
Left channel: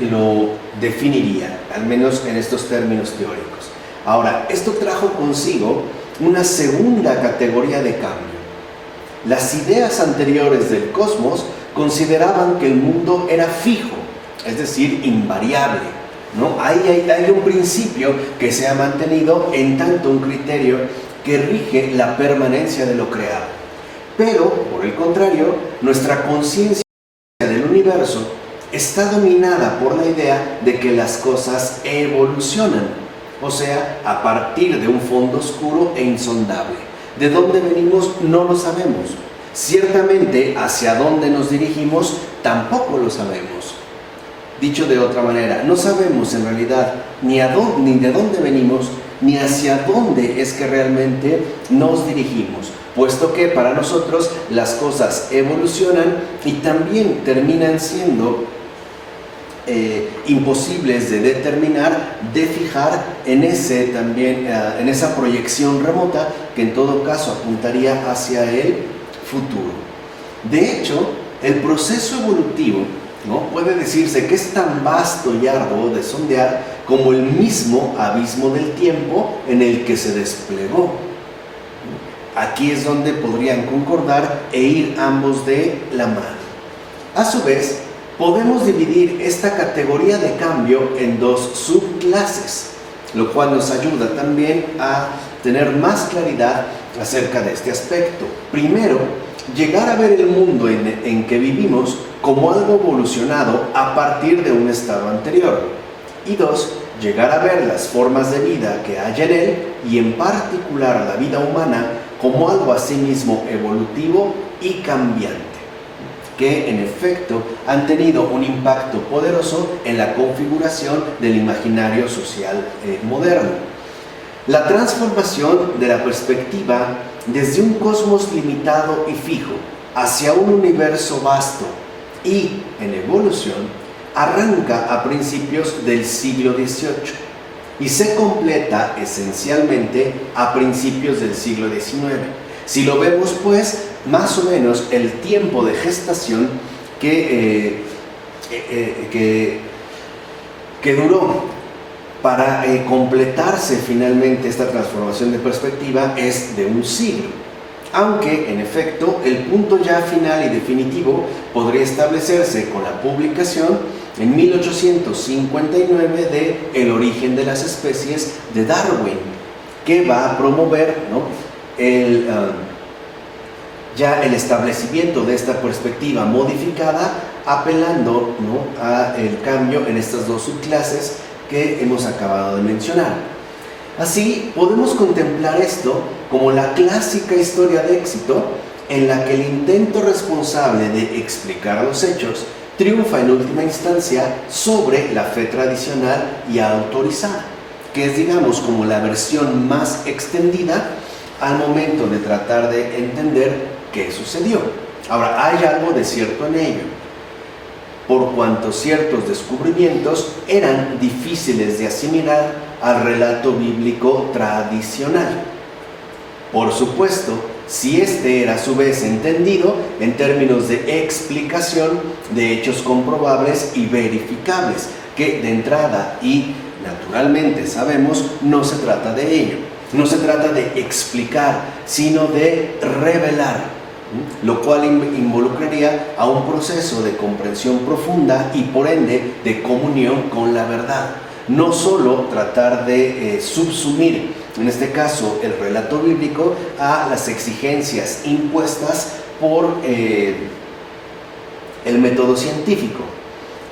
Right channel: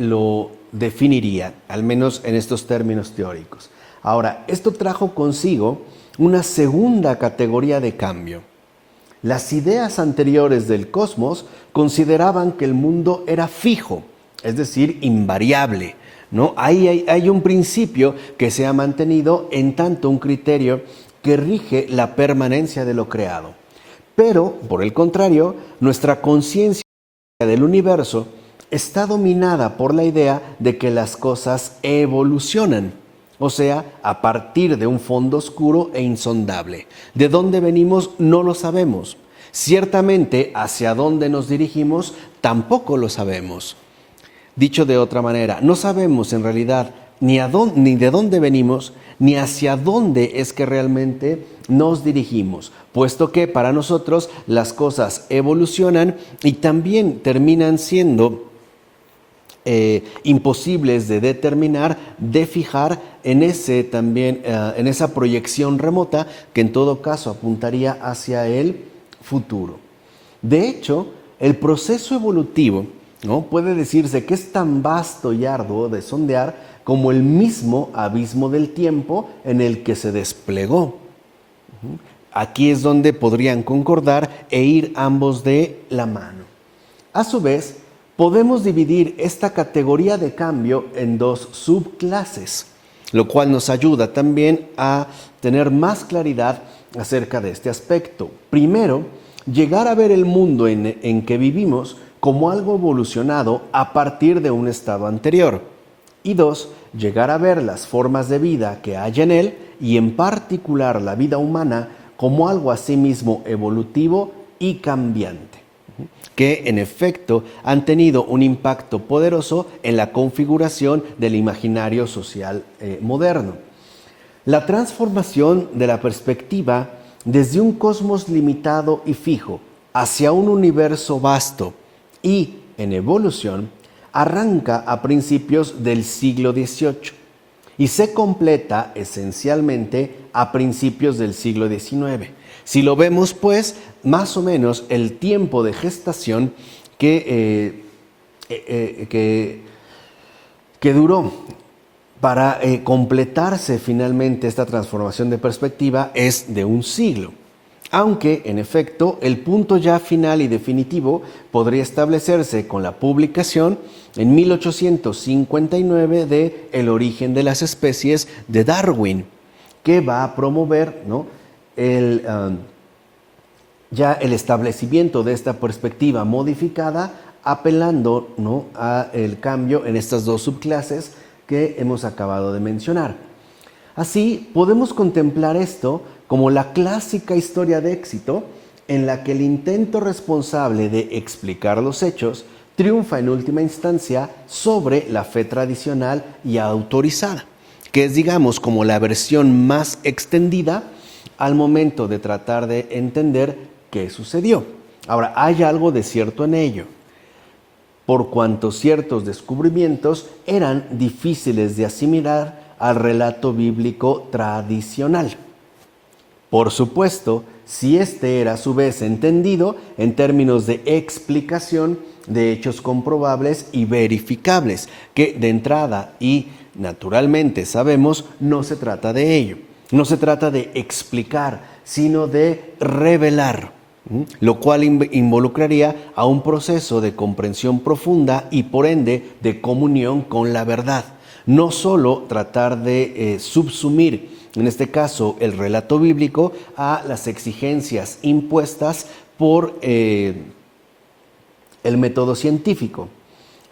lo definiría, al menos en estos términos teóricos. Ahora, esto trajo consigo una segunda categoría de cambio. Las ideas anteriores del cosmos consideraban que el mundo era fijo, es decir, invariable, ¿no? Hay un principio que se ha mantenido, en tanto un criterio que rige la permanencia de lo creado. Pero, por el contrario, nuestra conciencia del universo está dominada por la idea de que las cosas evolucionan, o sea, a partir de un fondo oscuro e insondable. ¿De dónde venimos? No lo sabemos. Ciertamente, hacia dónde nos dirigimos, tampoco lo sabemos. Dicho de otra manera, no sabemos en realidad ni de dónde venimos, ni hacia dónde es que realmente nos dirigimos, puesto que para nosotros las cosas evolucionan y también terminan siendo imposibles de determinar, de fijar en esa proyección remota que en todo caso apuntaría hacia el futuro. De hecho, el proceso evolutivo, ¿no?, puede decirse que es tan vasto y arduo de sondear como el mismo abismo del tiempo en el que se desplegó. Aquí es donde podrían concordar e ir ambos de la mano. A su vez, podemos dividir esta categoría de cambio en dos subclases, lo cual nos ayuda también a tener más claridad acerca de este aspecto. Primero, llegar a ver el mundo en que vivimos como algo evolucionado a partir de un estado anterior. Y dos, llegar a ver las formas de vida que hay en él y en particular la vida humana como algo asimismo evolutivo y cambiante, que en efecto han tenido un impacto poderoso en la configuración del imaginario social moderno. La transformación de la perspectiva desde un cosmos limitado y fijo hacia un universo vasto y en evolución arranca a principios del siglo XVIII y se completa esencialmente a principios del siglo XIX. Si lo vemos, pues, más o menos el tiempo de gestación que duró para completarse finalmente esta transformación de perspectiva es de un siglo. Aunque, en efecto, el punto ya final y definitivo podría establecerse con la publicación en 1859 de El origen de las especies de Darwin, que va a promover, ¿no?, el establecimiento de esta perspectiva modificada, apelando, ¿no?, a el cambio en estas dos subclases que hemos acabado de mencionar. Así, podemos contemplar esto como la clásica historia de éxito en la que el intento responsable de explicar los hechos triunfa en última instancia sobre la fe tradicional y autorizada, que es, digamos, como la versión más extendida al momento de tratar de entender qué sucedió. Ahora, hay algo de cierto en ello, por cuanto ciertos descubrimientos eran difíciles de asimilar al relato bíblico tradicional. Por supuesto, si este era a su vez entendido en términos de explicación de hechos comprobables y verificables, que de entrada y naturalmente sabemos no se trata de ello, no se trata de explicar, sino de revelar, lo cual involucraría a un proceso de comprensión profunda y por ende de comunión con la verdad. No solo tratar de subsumir, en este caso el relato bíblico, a las exigencias impuestas por el método científico.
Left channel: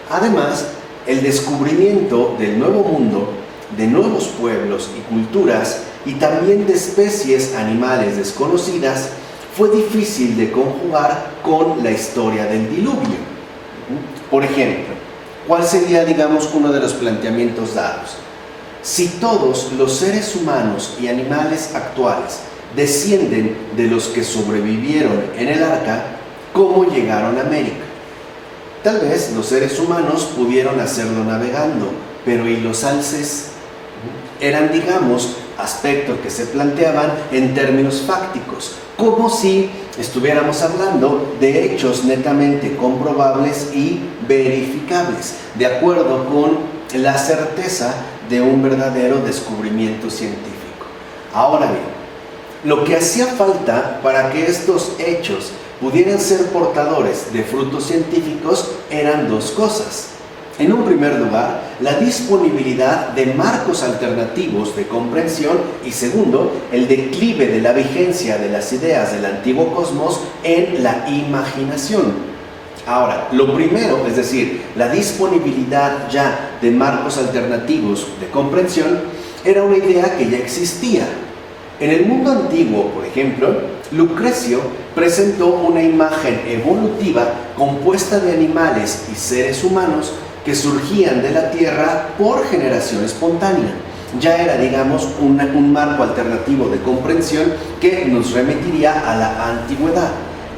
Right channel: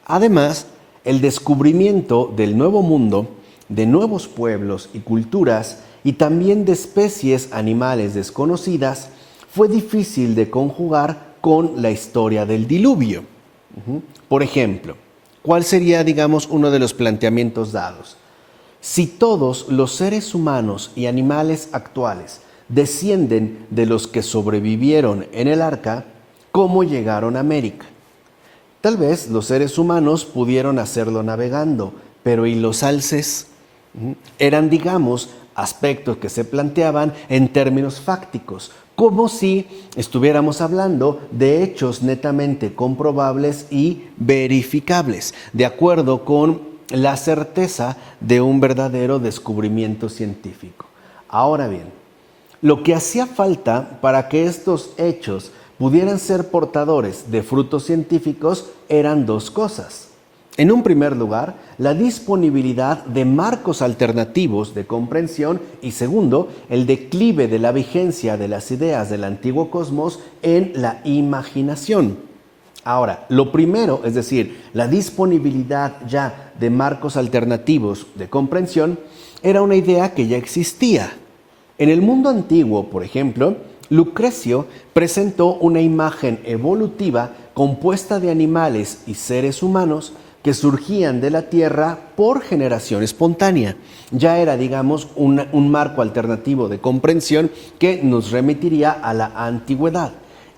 Además, el descubrimiento del nuevo mundo, de nuevos pueblos y culturas, y también de especies animales desconocidas, fue difícil de conjugar con la historia del diluvio. Por ejemplo, ¿cuál sería, digamos, uno de los planteamientos dados? Si todos los seres humanos y animales actuales descienden de los que sobrevivieron en el arca, ¿cómo llegaron a América? Tal vez los seres humanos pudieron hacerlo navegando, pero ¿y los alces? Eran, digamos, aspectos que se planteaban en términos fácticos, como si estuviéramos hablando de hechos netamente comprobables y verificables, de acuerdo con la certeza de un verdadero descubrimiento científico. Ahora bien, lo que hacía falta para que estos hechos pudieran ser portadores de frutos científicos eran dos cosas. En un primer lugar, la disponibilidad de marcos alternativos de comprensión y segundo, el declive de la vigencia de las ideas del antiguo cosmos en la imaginación. Ahora, lo primero, es decir, la disponibilidad ya de marcos alternativos de comprensión, era una idea que ya existía. En el mundo antiguo, por ejemplo, Lucrecio presentó una imagen evolutiva compuesta de animales y seres humanos que surgían de la Tierra por generación espontánea. Ya era, digamos, un marco alternativo de comprensión que nos remitiría a la antigüedad.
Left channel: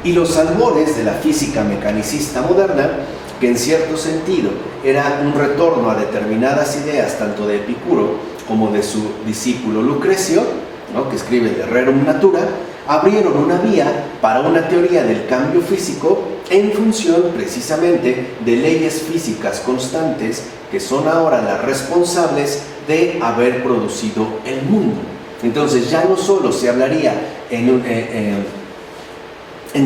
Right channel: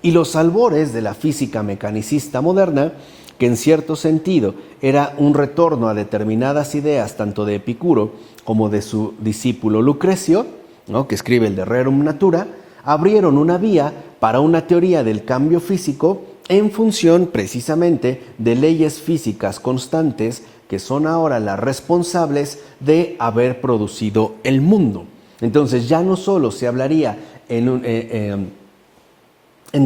Y los albores de la física mecanicista moderna, que en cierto sentido era un retorno a determinadas ideas tanto de Epicuro como de su discípulo Lucrecio, ¿no?, que escribe el De Rerum Natura, abrieron una vía para una teoría del cambio físico en función precisamente de leyes físicas constantes que son ahora las responsables de haber producido el mundo. Entonces ya no solo se hablaría en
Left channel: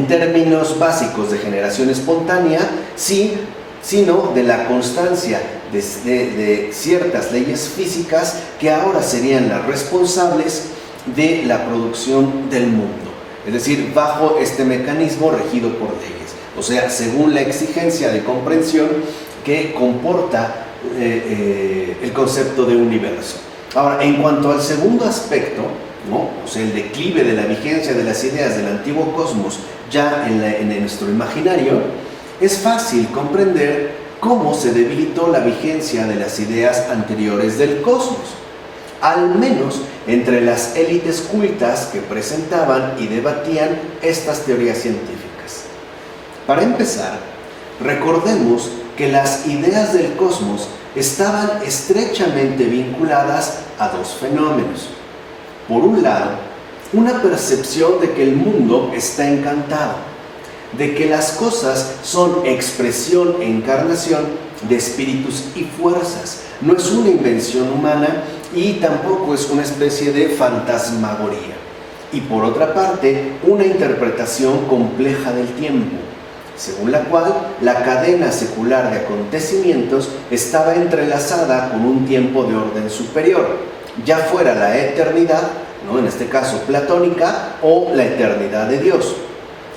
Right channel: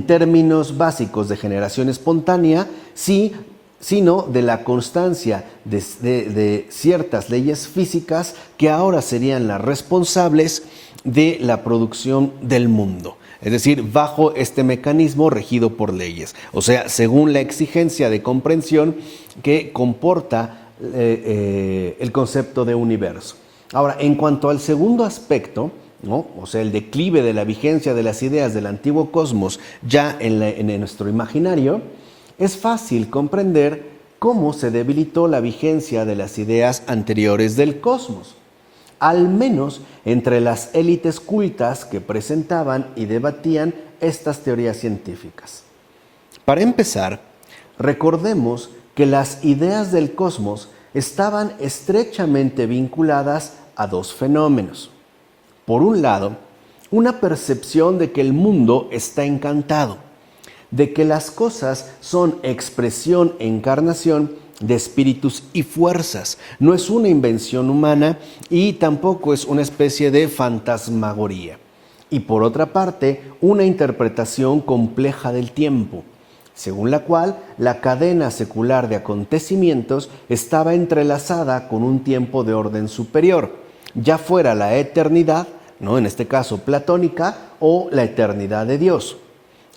términos básicos de generación espontánea, sino de la constancia de ciertas leyes físicas que ahora serían las responsables de la producción del mundo. Es decir, bajo este mecanismo regido por leyes, o sea, según la exigencia de comprensión que comporta el concepto de universo. Ahora, en cuanto al segundo aspecto, ¿no?, o sea, el declive de la vigencia de las ideas del antiguo cosmos ya en nuestro imaginario, es fácil comprender cómo se debilitó la vigencia de las ideas anteriores del cosmos, al menos entre las élites cultas que presentaban y debatían estas teorías científicas. Para empezar, recordemos que las ideas del cosmos estaban estrechamente vinculadas a dos fenómenos. Por un lado, una percepción de que el mundo está encantado, de que las cosas son expresión e encarnación de espíritus y fuerzas, no es una invención humana y tampoco es una especie de fantasmagoría. Y por otra parte, una interpretación compleja del tiempo, según la cual la cadena secular de acontecimientos estaba entrelazada con un tiempo de orden superior, ya fuera la eternidad, ¿no?, en este caso platónica, o la eternidad de Dios.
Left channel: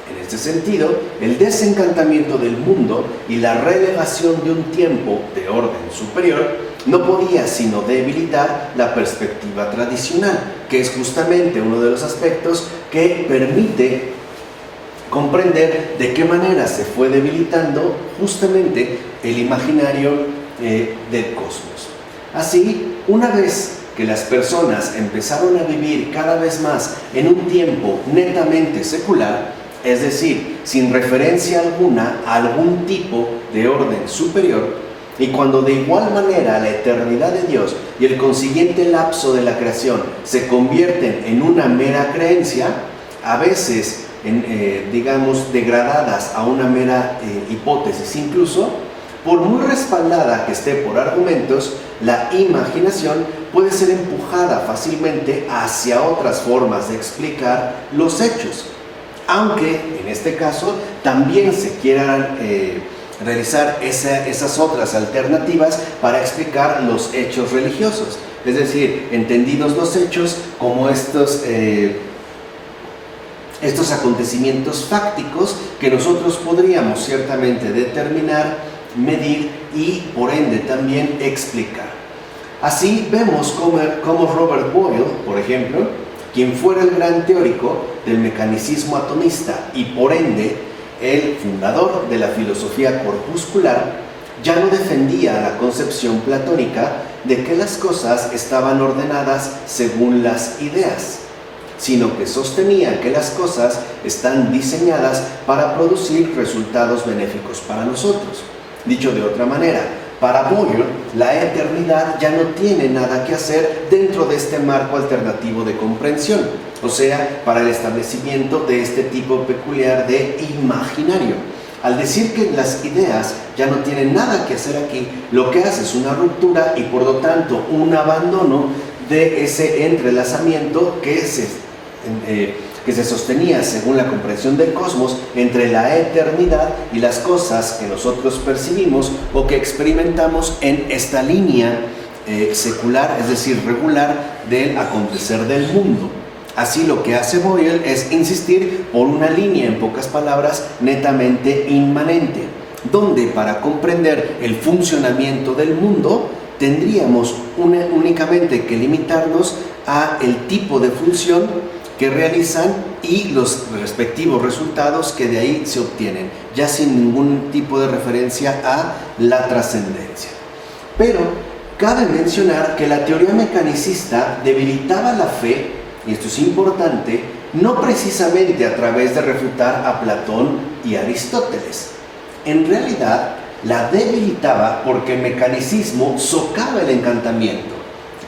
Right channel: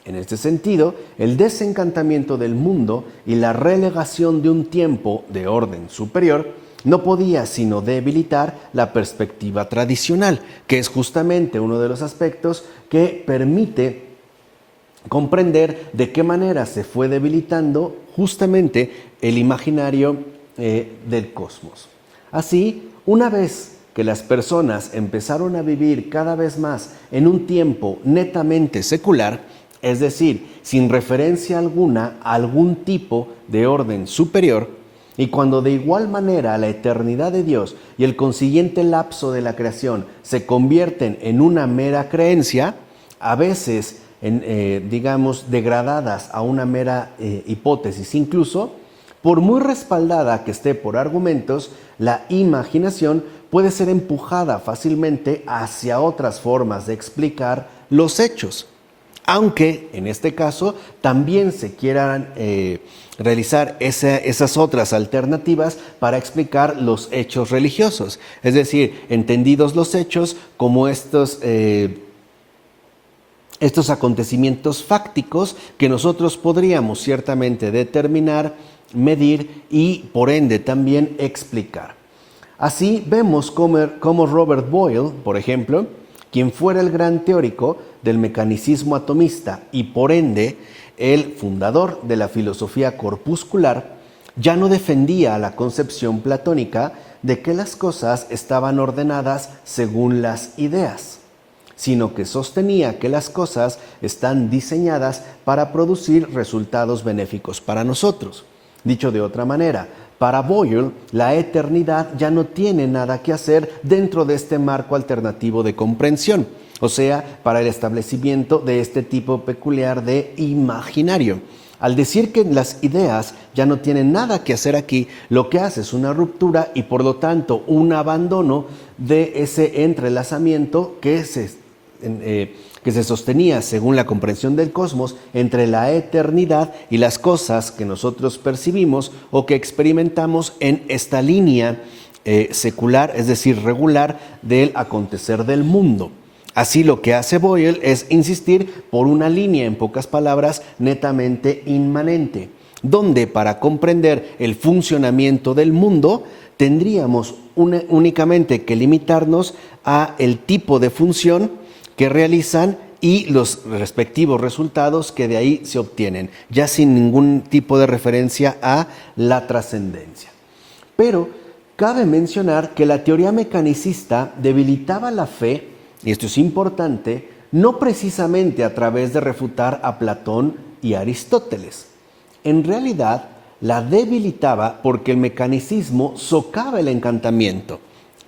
En este sentido, el desencantamiento del mundo y la relevación de un tiempo de orden superior no podía sino debilitar la perspectiva tradicional, que es justamente uno de los aspectos que permite comprender de qué manera se fue debilitando justamente el imaginario del cosmos. Así, una vez que las personas empezaron a vivir cada vez más en un tiempo netamente secular, es decir, sin referencia alguna a algún tipo de orden superior, y cuando de igual manera la eternidad de Dios y el consiguiente lapso de la creación se convierten en una mera creencia, a veces digamos degradadas a una mera hipótesis, incluso por muy respaldada que esté por argumentos, la imaginación puede ser empujada fácilmente hacia otras formas de explicar los hechos, aunque en este caso también se quieran realizar esas otras alternativas para explicar los hechos religiosos, es decir, entendidos los hechos como estos acontecimientos fácticos que nosotros podríamos ciertamente determinar, medir y por ende también explicar. Así vemos como Robert Boyle, por ejemplo, quien fuera el gran teórico del mecanicismo atomista y por ende el fundador de la filosofía corpuscular, ya no defendía la concepción platónica de que las cosas estaban ordenadas según las ideas, sino que sostenía que las cosas están diseñadas para producir resultados benéficos para nosotros. Dicho de otra manera, para Boyle, la eternidad ya no tiene nada que hacer dentro de este marco alternativo de comprensión, o sea, para el establecimiento de este tipo peculiar de imaginario. Al decir que las ideas ya no tienen nada que hacer aquí, lo que hace es una ruptura y por lo tanto un abandono de ese entrelazamiento que se sostenía según la comprensión del cosmos entre la eternidad y las cosas que nosotros percibimos o que experimentamos en esta línea secular, es decir, regular del acontecer del mundo. Así lo que hace Boyle es insistir por una línea, en pocas palabras, netamente inmanente, donde para comprender el funcionamiento del mundo tendríamos únicamente que limitarnos a el tipo de función que realizan y los respectivos resultados que de ahí se obtienen, ya sin ningún tipo de referencia a la trascendencia. Pero cabe mencionar que la teoría mecanicista debilitaba la fe, y esto es importante, no precisamente a través de refutar a Platón y Aristóteles. En realidad, la debilitaba porque el mecanicismo socava el encantamiento,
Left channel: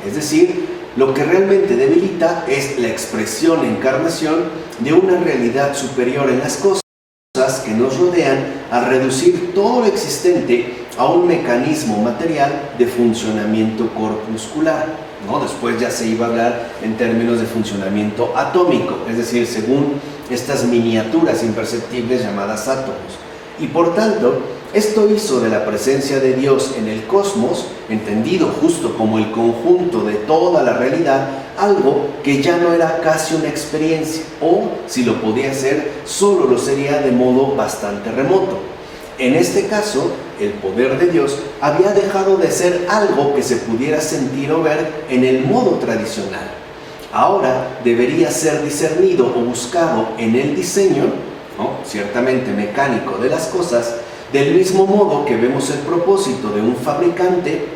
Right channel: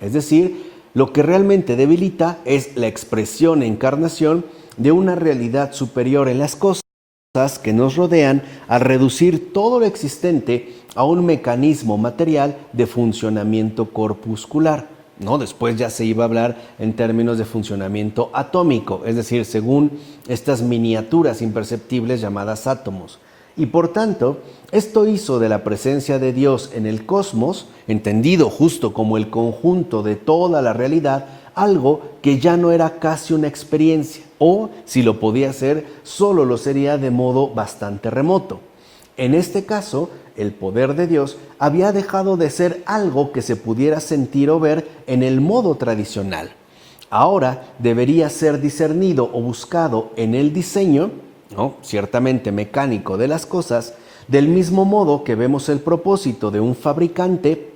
es decir, lo que realmente debilita es la expresión, encarnación de una realidad superior en las cosas que nos rodean, a reducir todo lo existente a un mecanismo material de funcionamiento corpuscular, ¿no? Después ya se iba a hablar en términos de funcionamiento atómico, es decir, según estas miniaturas imperceptibles llamadas átomos. Y por tanto, esto hizo de la presencia de Dios en el cosmos, entendido justo como el conjunto de toda la realidad, algo que ya no era casi una experiencia, o si lo podía ser, solo lo sería de modo bastante remoto. En este caso, el poder de Dios había dejado de ser algo que se pudiera sentir o ver en el modo tradicional. Ahora debería ser discernido o buscado en el diseño, ¿no?, ciertamente mecánico de las cosas, del mismo modo que vemos el propósito de un fabricante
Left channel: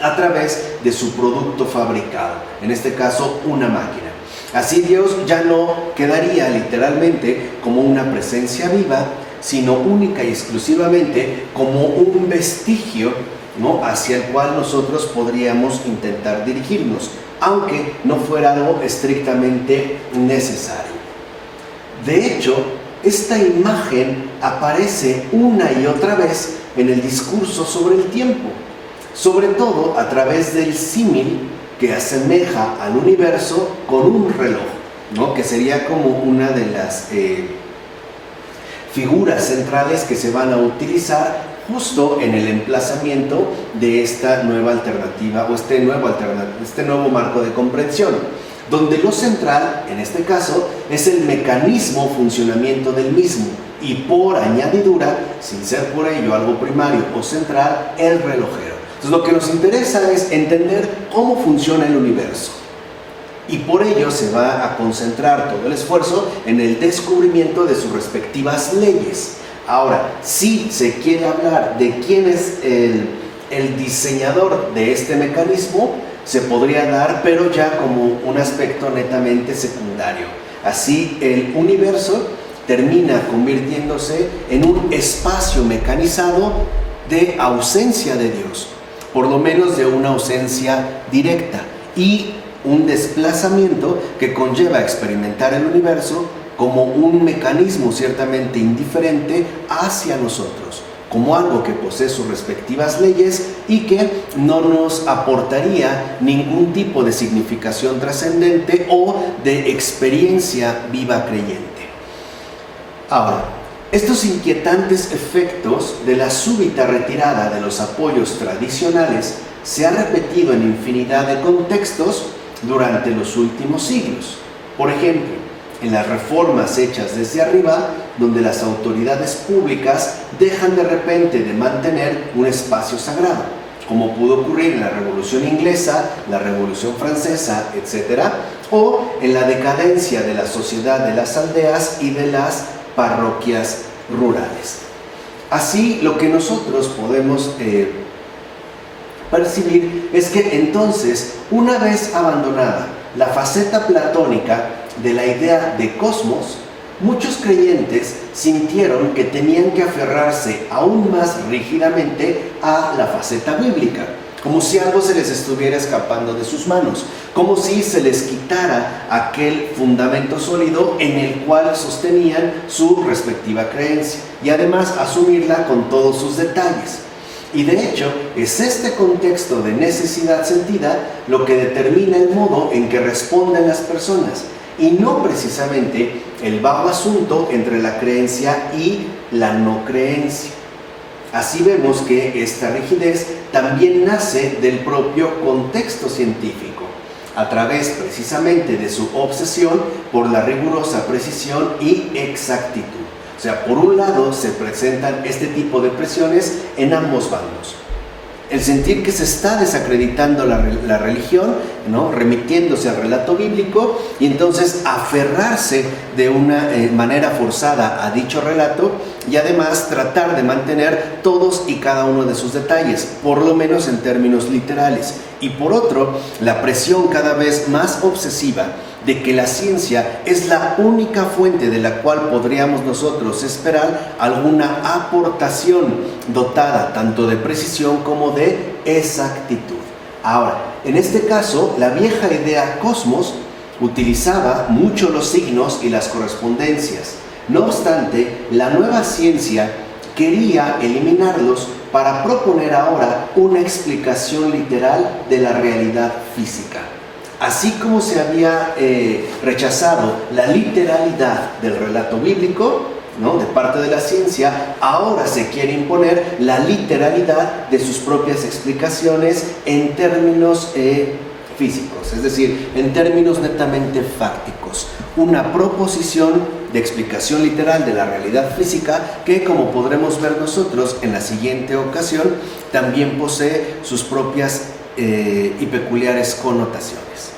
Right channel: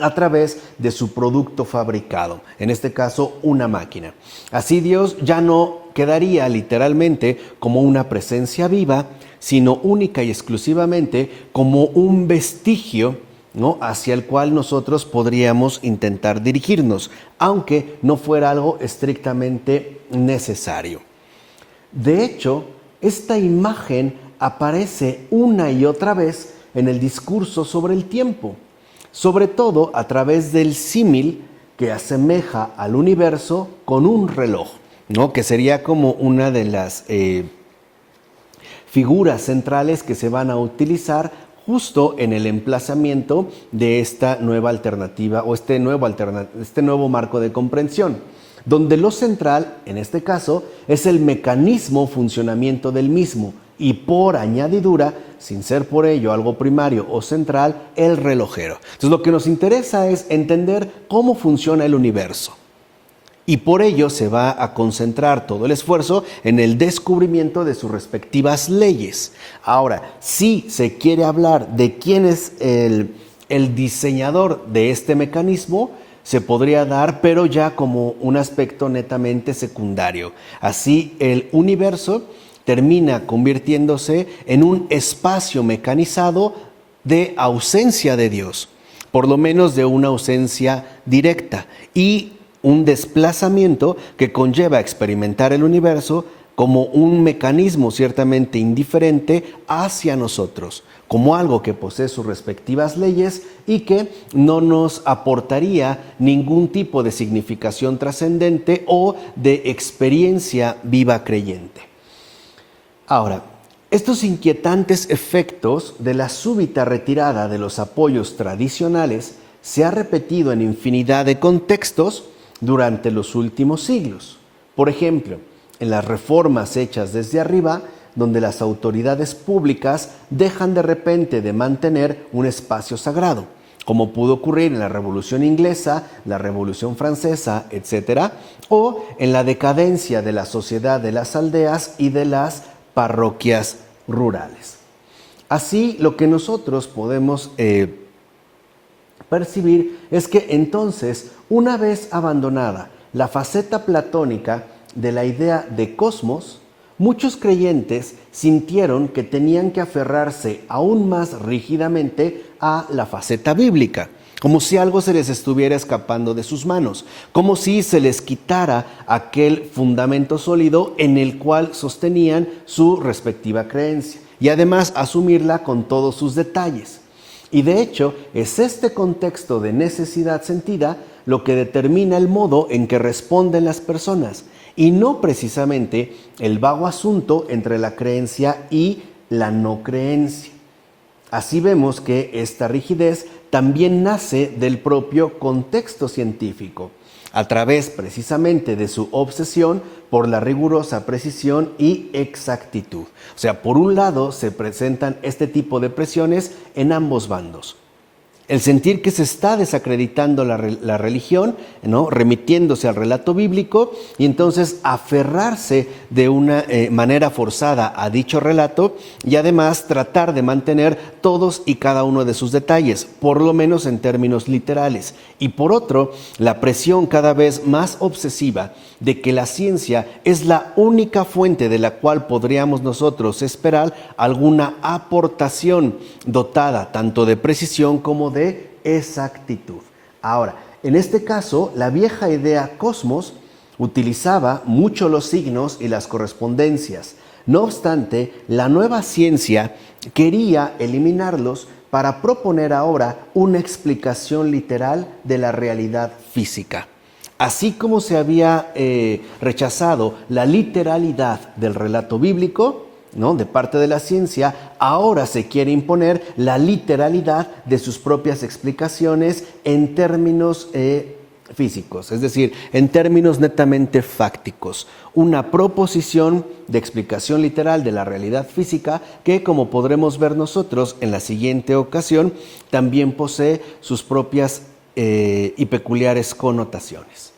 a través de su producto fabricado, en este caso una máquina. Así Dios ya no quedaría literalmente como una presencia viva, sino única y exclusivamente como un vestigio, ¿no?, hacia el cual nosotros podríamos intentar dirigirnos, aunque no fuera algo estrictamente necesario. De hecho, esta imagen aparece una y otra vez en el discurso sobre el tiempo, sobre todo a través del símil que asemeja al universo con un reloj, ¿no?, que sería como una de las figuras centrales que se van a utilizar justo en el emplazamiento de esta nueva alternativa o este nuevo marco de comprensión, donde lo central, en este caso, es el mecanismo funcionamiento del mismo y por añadidura, sin ser por ello algo primario o central, el relojero. Entonces lo que nos interesa es entender cómo funciona el universo. y por ello se va a concentrar todo el esfuerzo en el descubrimiento de sus respectivas leyes. Ahora, si se quiere hablar de quién es el diseñador de este mecanismo, se podría dar, pero ya como un aspecto netamente secundario. Así, el universo termina convirtiéndose en un espacio mecanizado de ausencia de Dios, por lo menos de una ausencia directa, y un desplazamiento que conlleva a experimentar el universo como un mecanismo ciertamente indiferente hacia nosotros, como algo que posee sus respectivas leyes y que no nos aportaría ningún tipo de significación trascendente o de experiencia viva creyente. Ahora, estos inquietantes efectos de la súbita retirada de los apoyos tradicionales se ha repetido en infinidad de contextos durante los últimos siglos. Por ejemplo, en las reformas hechas desde arriba, donde las autoridades públicas dejan de repente de mantener un espacio sagrado, como pudo ocurrir en la Revolución Inglesa, la Revolución Francesa, etc., o en la decadencia de la sociedad de las aldeas y de las parroquias rurales. Así, lo que nosotros podemos percibir es que entonces, una vez abandonada la faceta platónica de la idea de cosmos, muchos creyentes sintieron que tenían que aferrarse aún más rígidamente a la faceta bíblica, como si algo se les estuviera escapando de sus manos, como si se les quitara aquel fundamento sólido en el cual sostenían su respectiva creencia, y además asumirla con todos sus detalles. Y de hecho, es este contexto de necesidad sentida lo que determina el modo en que responden las personas, y no precisamente el vago asunto entre la creencia y la no creencia. Así vemos que esta rigidez también nace del propio contexto científico, a través precisamente de su obsesión por la rigurosa precisión y exactitud. O sea, por un lado se presentan este tipo de presiones en ambos bandos. El sentir que se está desacreditando la religión, ¿no?, remitiéndose al relato bíblico, y entonces aferrarse de una manera forzada a dicho relato, y además tratar de mantener todos y cada uno de sus detalles, por lo menos en términos literales. Y por otro, la presión cada vez más obsesiva de que la ciencia es la única fuente de la cual podríamos nosotros esperar alguna aportación dotada tanto de precisión como de exactitud. Ahora, en este caso, la vieja idea cosmos utilizaba mucho los signos y las correspondencias. No obstante, la nueva ciencia quería eliminarlos para proponer ahora una explicación literal de la realidad física. Así como se había rechazado la literalidad del relato bíblico, ¿no?, de parte de la ciencia, ahora se quiere imponer la literalidad de sus propias explicaciones en términos físicos, es decir, en términos netamente fácticos. Una proposición de explicación literal de la realidad física que, como podremos ver nosotros en la siguiente ocasión, también posee sus propias y peculiares connotaciones.